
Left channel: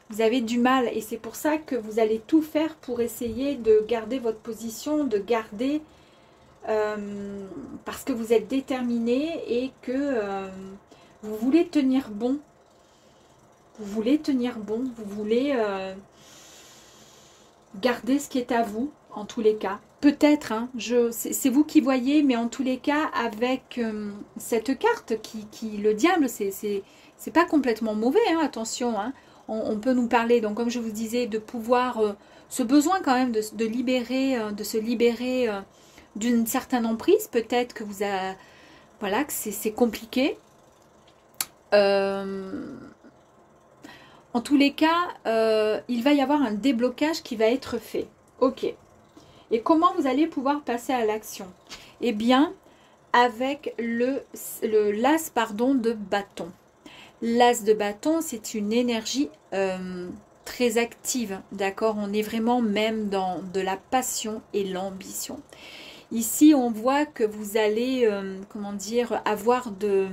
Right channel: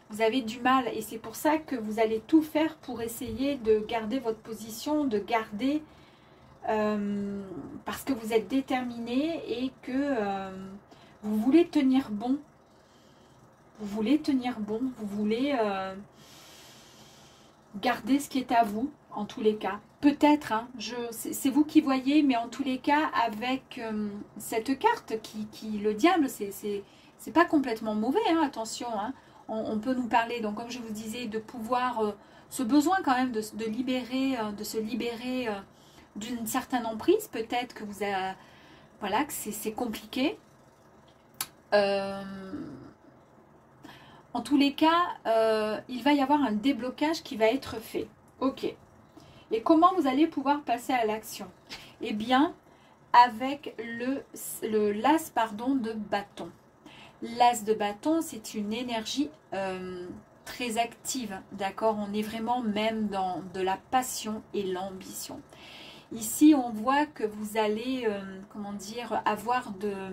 Vous avez du mal. Et c'est pour ça que vous allez tout faire pour essayer de garder votre position, de garder... parce que vous êtes déterminé et que vous voulez tenir bon. Vous voulez tenir bon. Vous voulez garder ce qui est à vous, en tous les cas. Peut-être, hein, c'est vous qui voyez, mais en tous les cas, avec cette carte, le diable, c'est pas complètement mauvais, hein, attention. Hein, on peut nous parler, donc comme je vous disais, de pouvoir, ce besoin quand même de se libérer d'une certaine emprise. Peut-être que voilà, que c'est compliqué. En tous les cas, il va y avoir un déblocage qui va être fait. Ok. Et comment vous allez pouvoir passer à l'action? Eh bien, avec l'as de bâton. L'as de bâton, c'est une énergie très active, d'accord? On est vraiment même dans de la passion et l'ambition. Ici, on voit que vous allez, comment dire, avoir des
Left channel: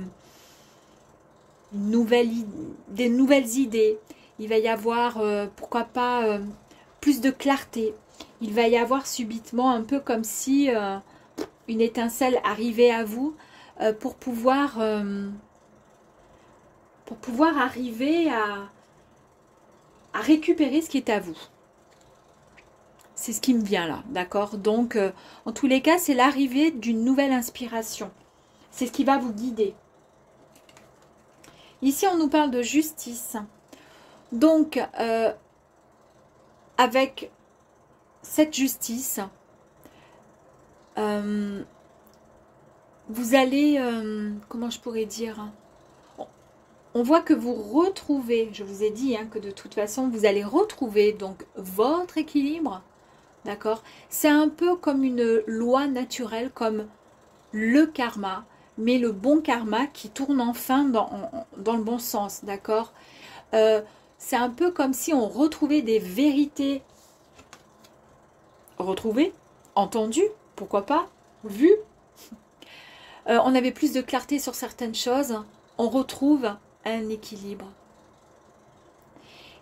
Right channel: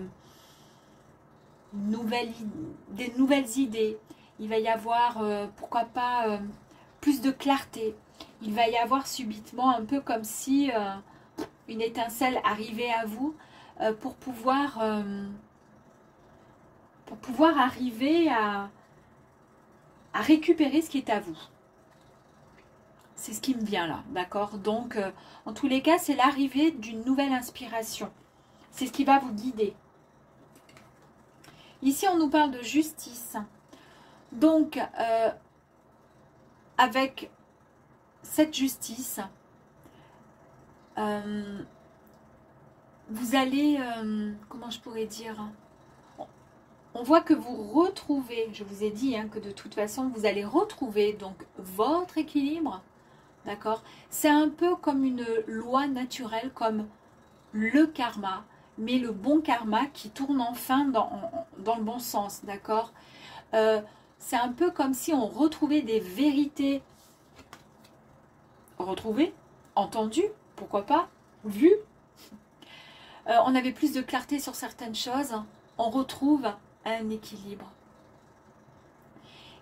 nouvelles idées. Il va y avoir, pourquoi pas, plus de clarté. Il va y avoir subitement un peu comme si une étincelle arrivait à vous pour pouvoir arriver à récupérer ce qui est à vous. C'est ce qui me vient là, d'accord? Donc, en tous les cas, c'est l'arrivée d'une nouvelle inspiration. C'est ce qui va vous guider. Ici, on nous parle de justice. Donc, avec cette justice, vous allez, comment je pourrais dire, on voit que vous retrouvez, je vous ai dit hein, que de toute façon, vous allez retrouver donc votre équilibre, d'accord? C'est un peu comme une loi naturelle, comme le karma, mais le bon karma qui tourne enfin dans le bon sens, d'accord? C'est un peu comme si on retrouvait des vérités retrouvées, entendues, pourquoi pas, vues. On avait plus de clarté sur certaines choses, on retrouve un équilibre.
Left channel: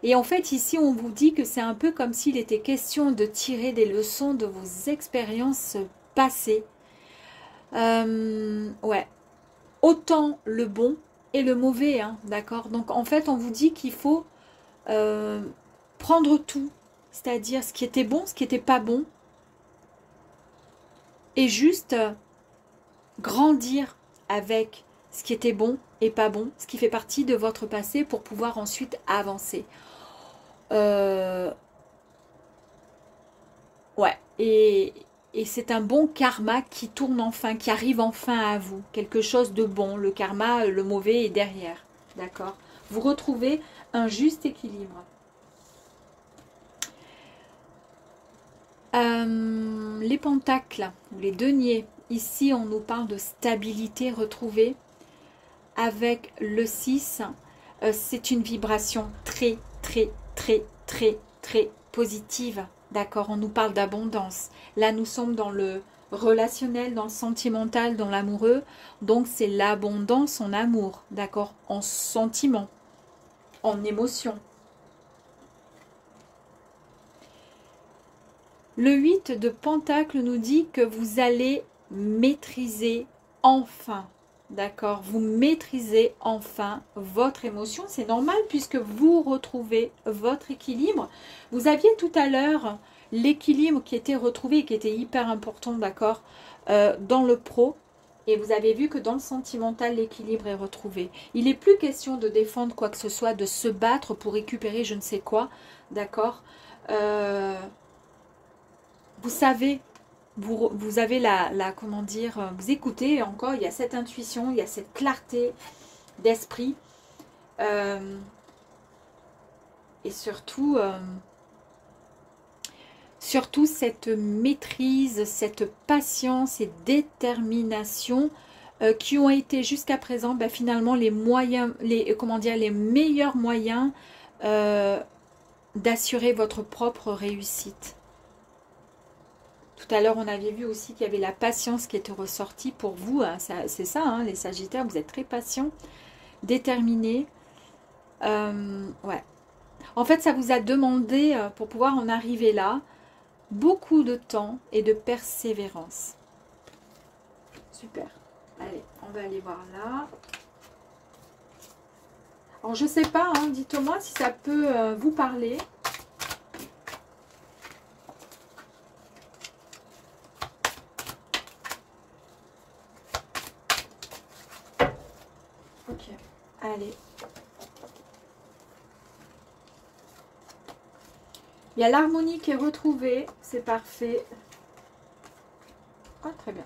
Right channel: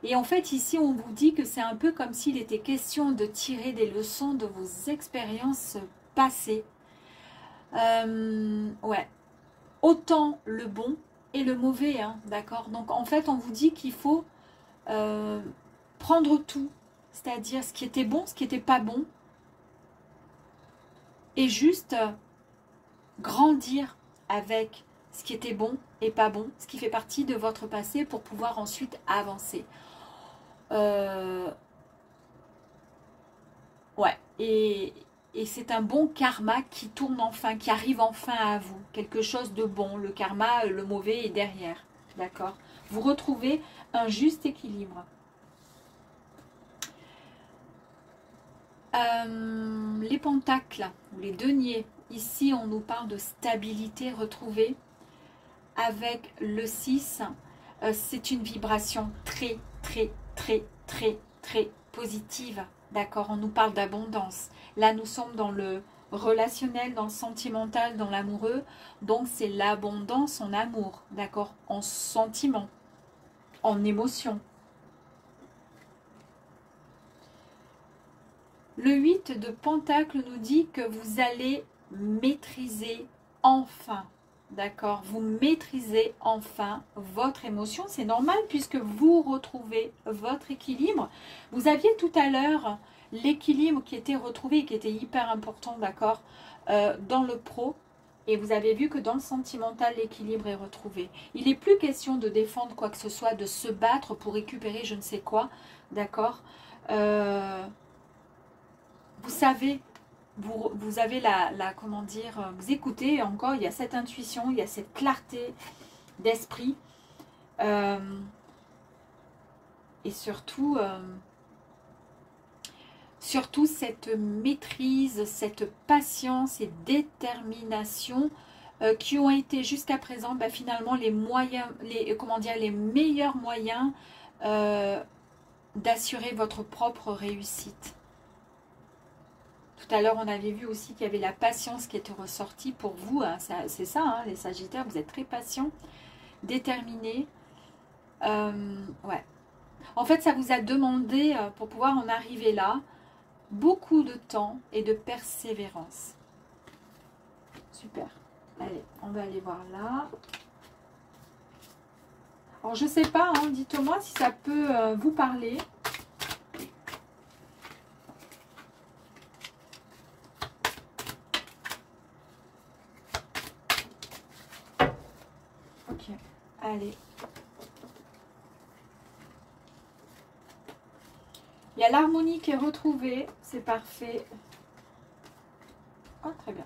Et en fait, ici, on vous dit que c'est un peu comme s'il était question de tirer des leçons de vos expériences passées. Ouais. Autant le bon et le mauvais, hein, d'accord? Donc, en fait, on vous dit qu'il faut prendre tout, c'est-à-dire ce qui était bon, ce qui n'était pas bon, et juste grandir avec ce qui était bon et pas bon, ce qui fait partie de votre passé pour pouvoir ensuite avancer. Ouais, et c'est un bon karma qui tourne enfin, qui arrive enfin à vous, quelque chose de bon. Le karma, le mauvais est derrière. d'accord? Vous retrouvez un juste équilibre. Les pentacles, ou les deniers, ici on nous parle de stabilité retrouvée. Avec le 6, c'est une vibration très, très, très, très, très positive. D'accord? On nous parle d'abondance. Là, nous sommes dans le relationnel, dans le sentimental, dans l'amoureux. Donc, c'est l'abondance en amour. D'accord? En sentiment, en émotion. Le 8 de Pentacle nous dit que vous allez maîtriser enfin. D'accord, vous maîtrisez enfin votre émotion, c'est normal puisque vous retrouvez votre équilibre. Vous aviez tout à l'heure l'équilibre qui était retrouvé, qui était hyper important, d'accord, dans le pro. Et vous avez vu que dans le sentimental, l'équilibre est retrouvé. Il n'est plus question de défendre quoi que ce soit, de se battre pour récupérer je ne sais quoi, d'accord. Vous savez... Vous avez comment dire, vous écoutez encore, il y a cette intuition, il y a cette clarté d'esprit. Et surtout cette maîtrise, cette patience et détermination qui ont été jusqu'à présent finalement les moyens, les meilleurs moyens d'assurer votre propre réussite. Tout à l'heure, on avait vu aussi qu'il y avait la patience qui était ressortie pour vous. Hein, c'est ça, hein, les Sagittaires, vous êtes très patients, déterminés. Ouais. En fait, ça vous a demandé, pour pouvoir en arriver là, beaucoup de temps et de persévérance. Super. Allez, on va aller voir là. Alors, je ne sais pas, hein, dites-moi si ça peut vous parler. Allez. Il y a l'harmonie qui est retrouvée. C'est parfait. Oh, très bien.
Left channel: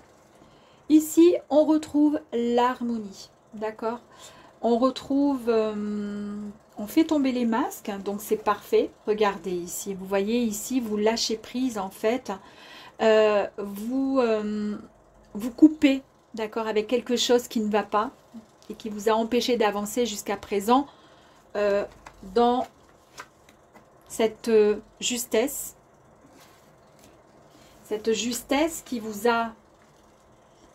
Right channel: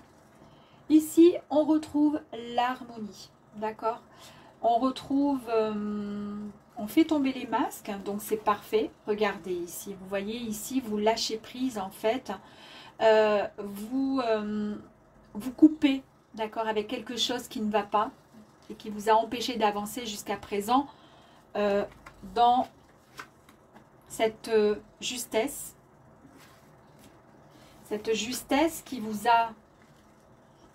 Ici, on retrouve l'harmonie. D'accord? On retrouve... on fait tomber les masques. Donc, c'est parfait. Regardez ici. Vous voyez ici, vous lâchez prise en fait. Vous coupez, d'accord, avec quelque chose qui ne va pas et qui vous a empêché d'avancer jusqu'à présent dans cette justesse qui vous a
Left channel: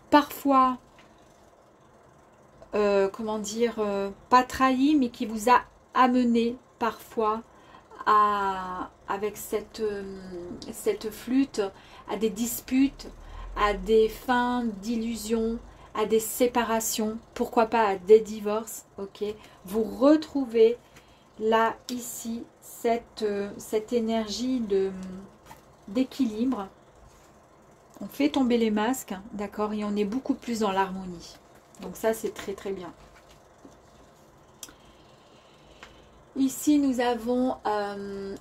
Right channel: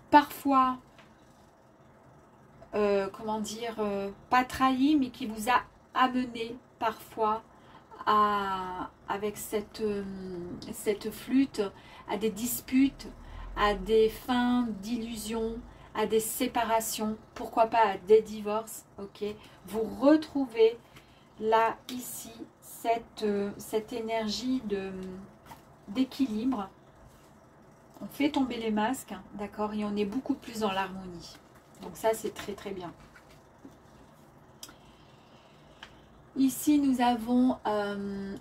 parfois, comment dire, pas trahi, mais qui vous a amené parfois avec cette flûte à des disputes, à des fins d'illusions, à des séparations, pourquoi pas à des divorces, ok. Vous retrouvez là, ici, cette énergie d'équilibre. On fait tomber les masques, d'accord, et on est beaucoup plus dans l'harmonie. Donc ça, c'est très très bien. Ici, nous avons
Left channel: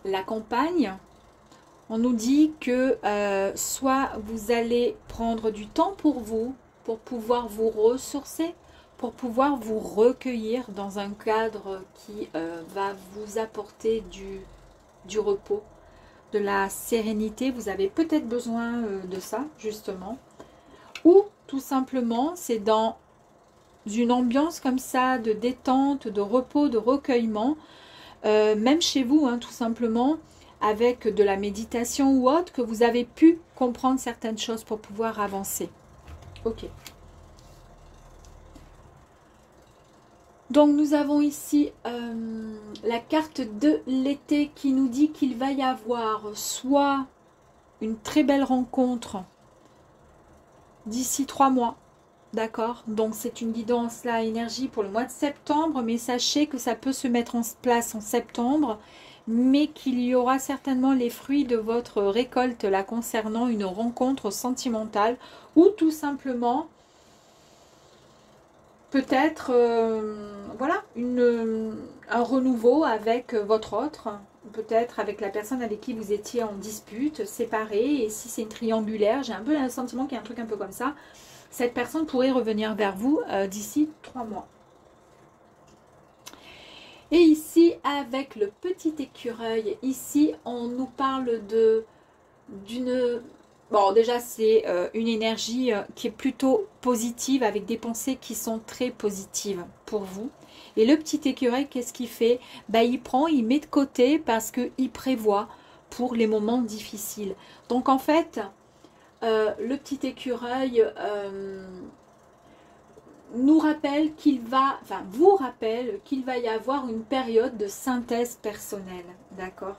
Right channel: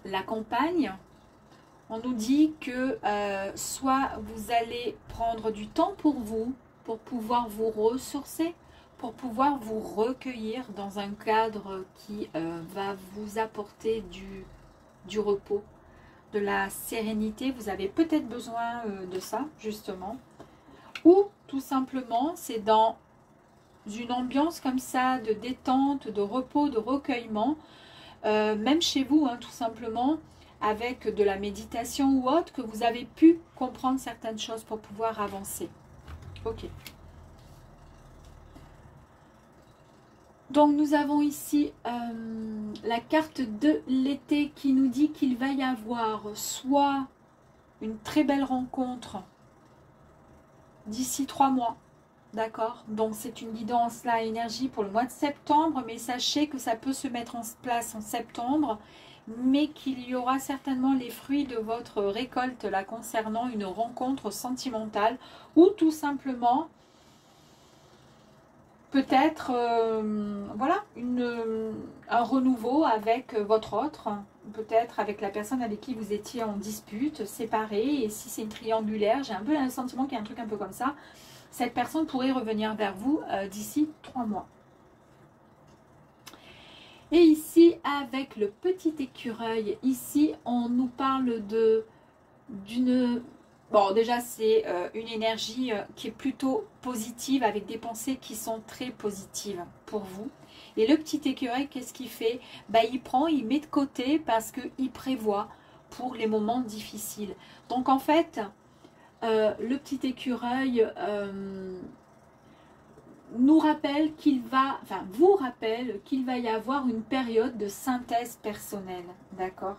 la campagne. On nous dit que soit vous allez prendre du temps pour vous, pour pouvoir vous ressourcer, pour pouvoir vous recueillir dans un cadre qui va vous apporter du repos, de la sérénité. Vous avez peut-être besoin de ça, justement. Ou tout simplement, c'est dans une ambiance comme ça, de détente, de repos, de recueillement, même chez vous, hein, tout simplement, avec de la méditation ou autre, que vous avez pu comprendre certaines choses pour pouvoir avancer. Ok. Donc nous avons ici la carte de l'été qui nous dit qu'il va y avoir soit une très belle rencontre d'ici 3 mois, d'accord? Donc c'est une guidance là, énergie pour le mois de septembre, mais sachez que ça peut se mettre en place en septembre, mais qu'il y aura certainement les fruits de votre récolte là concernant une rencontre sentimentale ou tout simplement peut-être voilà, un renouveau avec votre autre, peut-être avec la personne avec qui vous étiez en dispute, séparée, et si c'est une triangulaire, j'ai un peu le sentiment qu'il y a un truc un peu comme ça, cette personne pourrait revenir vers vous d'ici 3 mois. Et ici, avec le petit écureuil, ici, on nous parle d'une... Bon, déjà, c'est une énergie qui est plutôt positive, avec des pensées qui sont très positives pour vous. Et le petit écureuil, qu'est-ce qu'il fait? Bah, il prend, il met de côté parce qu'il prévoit pour les moments difficiles. Donc, en fait, le petit écureuil nous rappelle qu'il va, enfin, vous rappelle qu'il va y avoir une période de synthèse personnelle, d'accord?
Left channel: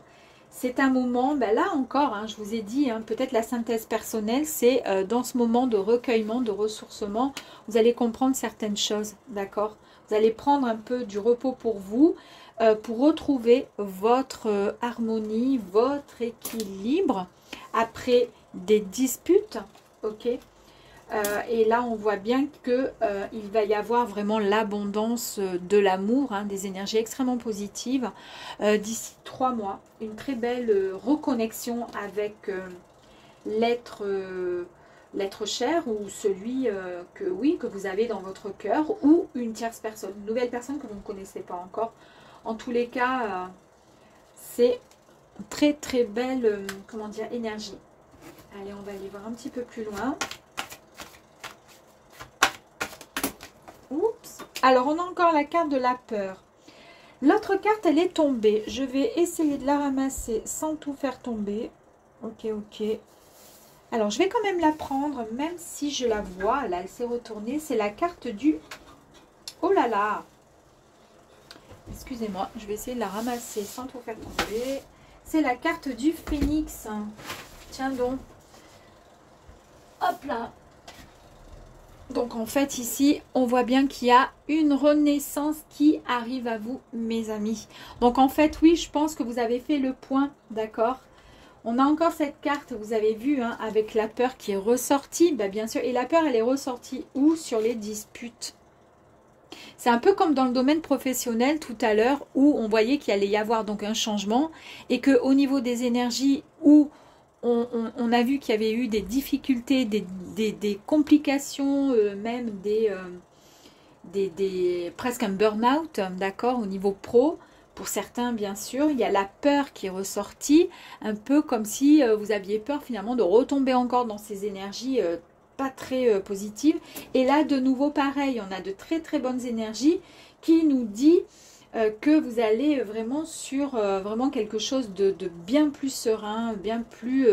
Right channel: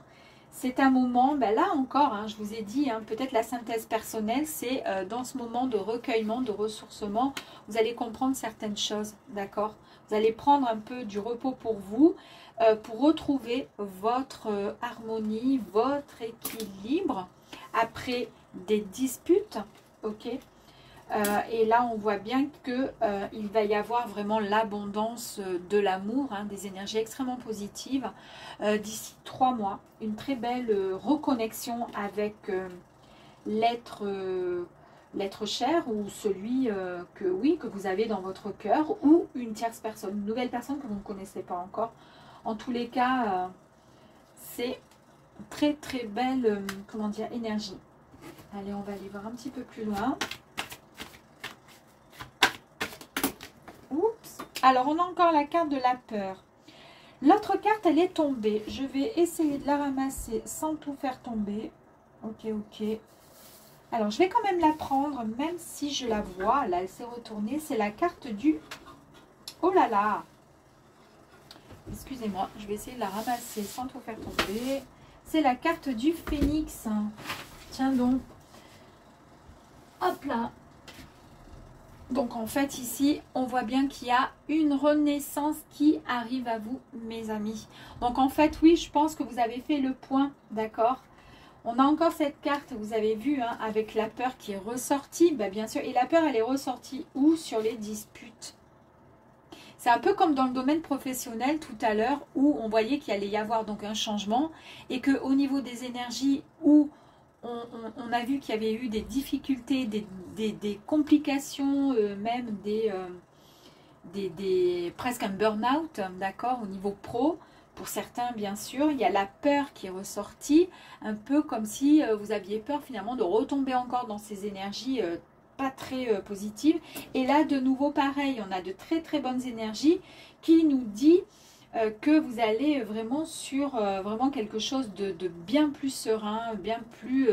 C'est un moment, ben là encore, hein, je vous ai dit, hein, peut-être la synthèse personnelle, c'est dans ce moment de recueillement, de ressourcement, vous allez comprendre certaines choses, d'accord? Vous allez prendre un peu du repos pour vous, pour retrouver votre harmonie, votre équilibre, après des disputes, ok? Et là, on voit bien qu'il va y avoir vraiment l'abondance de l'amour, hein, des énergies extrêmement positives. D'ici 3 mois, une très belle reconnexion avec l'être cher ou celui que vous avez dans votre cœur ou une tierce personne, une nouvelle personne que vous ne connaissez pas encore. En tous les cas, c'est une très très belle comment dire, énergie. Allez, on va aller voir un petit peu plus loin. Oups. Alors, on a encore la carte de la peur. L'autre carte, elle est tombée. Je vais essayer de la ramasser sans tout faire tomber. Ok, ok. Alors, je vais quand même la prendre, même si je la vois. Là, elle s'est retournée. C'est la carte du... Oh là là! Excusez-moi, je vais essayer de la ramasser sans tout faire tomber. C'est la carte du phénix. Tiens donc. Hop là! Donc en fait ici, on voit bien qu'il y a une renaissance qui arrive à vous, mes amis. Donc en fait, oui, je pense que vous avez fait le point, d'accord? On a encore cette carte, vous avez vu, hein, avec la peur qui est ressortie, bah, bien sûr. Et la peur, elle est ressortie où? Sur les disputes. C'est un peu comme dans le domaine professionnel tout à l'heure, où on voyait qu'il allait y avoir donc un changement. Et qu'au niveau des énergies, où on a vu qu'il y avait eu des difficultés, des complications, même presque un burn-out, d'accord, au niveau pro. Pour certains, bien sûr, il y a la peur qui est ressortie, un peu comme si vous aviez peur finalement de retomber encore dans ces énergies pas très positives. Et là, de nouveau, pareil, on a de très très bonnes énergies qui nous dit que vous allez vraiment sur vraiment quelque chose de bien plus serein, bien plus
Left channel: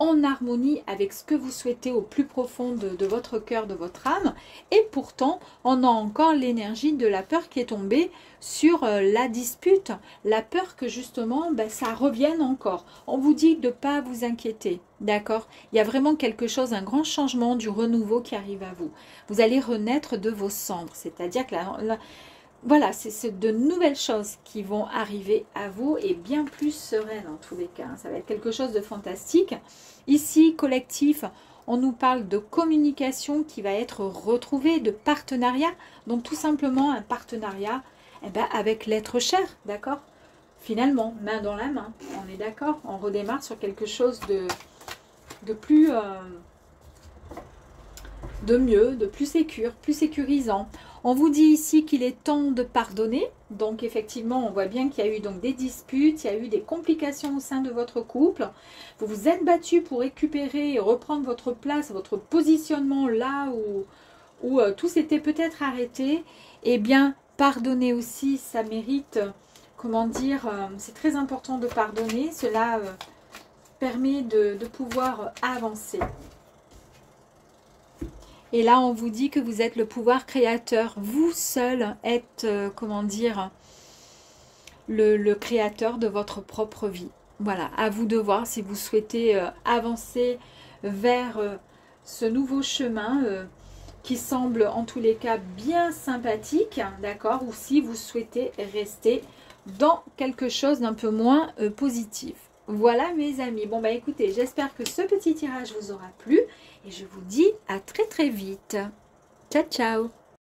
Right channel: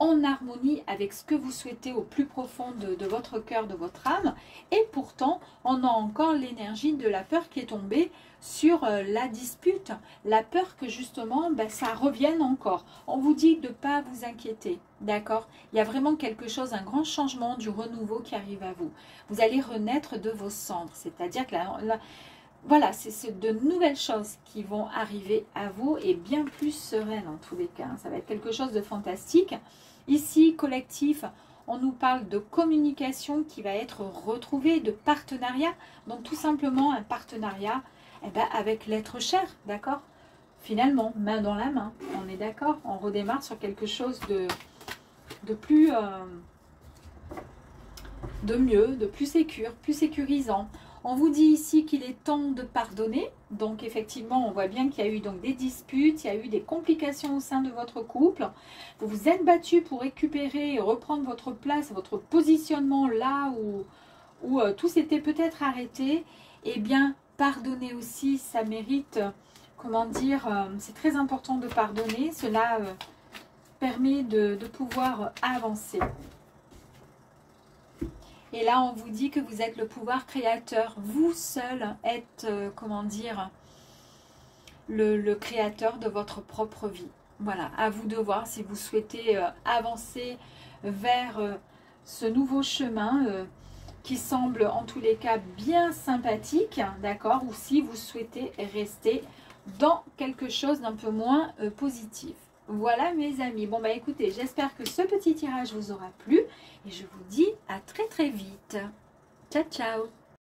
en harmonie avec ce que vous souhaitez au plus profond de votre cœur, de votre âme. Et pourtant, on a encore l'énergie de la peur qui est tombée sur la dispute. La peur que justement, ben, ça revienne encore. On vous dit de ne pas vous inquiéter, d'accord? Il y a vraiment quelque chose, un grand changement, du renouveau qui arrive à vous. Vous allez renaître de vos cendres, c'est-à-dire que voilà, c'est de nouvelles choses qui vont arriver à vous et bien plus sereines en tous les cas. Ça va être quelque chose de fantastique. Ici, collectif, on nous parle de communication qui va être retrouvée, de partenariat. Donc tout simplement un partenariat avec l'être cher, d'accord? Finalement, main dans la main, on est d'accord? On redémarre sur quelque chose de plus... de mieux, de plus sécurisant. On vous dit ici qu'il est temps de pardonner. Donc effectivement, on voit bien qu'il y a eu donc des disputes, il y a eu des complications au sein de votre couple. Vous vous êtes battu pour récupérer et reprendre votre place, votre positionnement là où tout s'était peut-être arrêté. Eh bien, pardonner aussi, ça mérite, comment dire, c'est très important de pardonner. Cela permet de pouvoir avancer. Et là, on vous dit que vous êtes le pouvoir créateur. Vous seul êtes, comment dire, le créateur de votre propre vie. Voilà, à vous de voir si vous souhaitez avancer vers ce nouveau chemin qui semble en tous les cas bien sympathique, d'accord? Ou si vous souhaitez rester dans quelque chose d'un peu moins positif. Voilà mes amis. Bon bah écoutez, j'espère que ce petit tirage vous aura plu. Et je vous dis à très très vite. Ciao, ciao!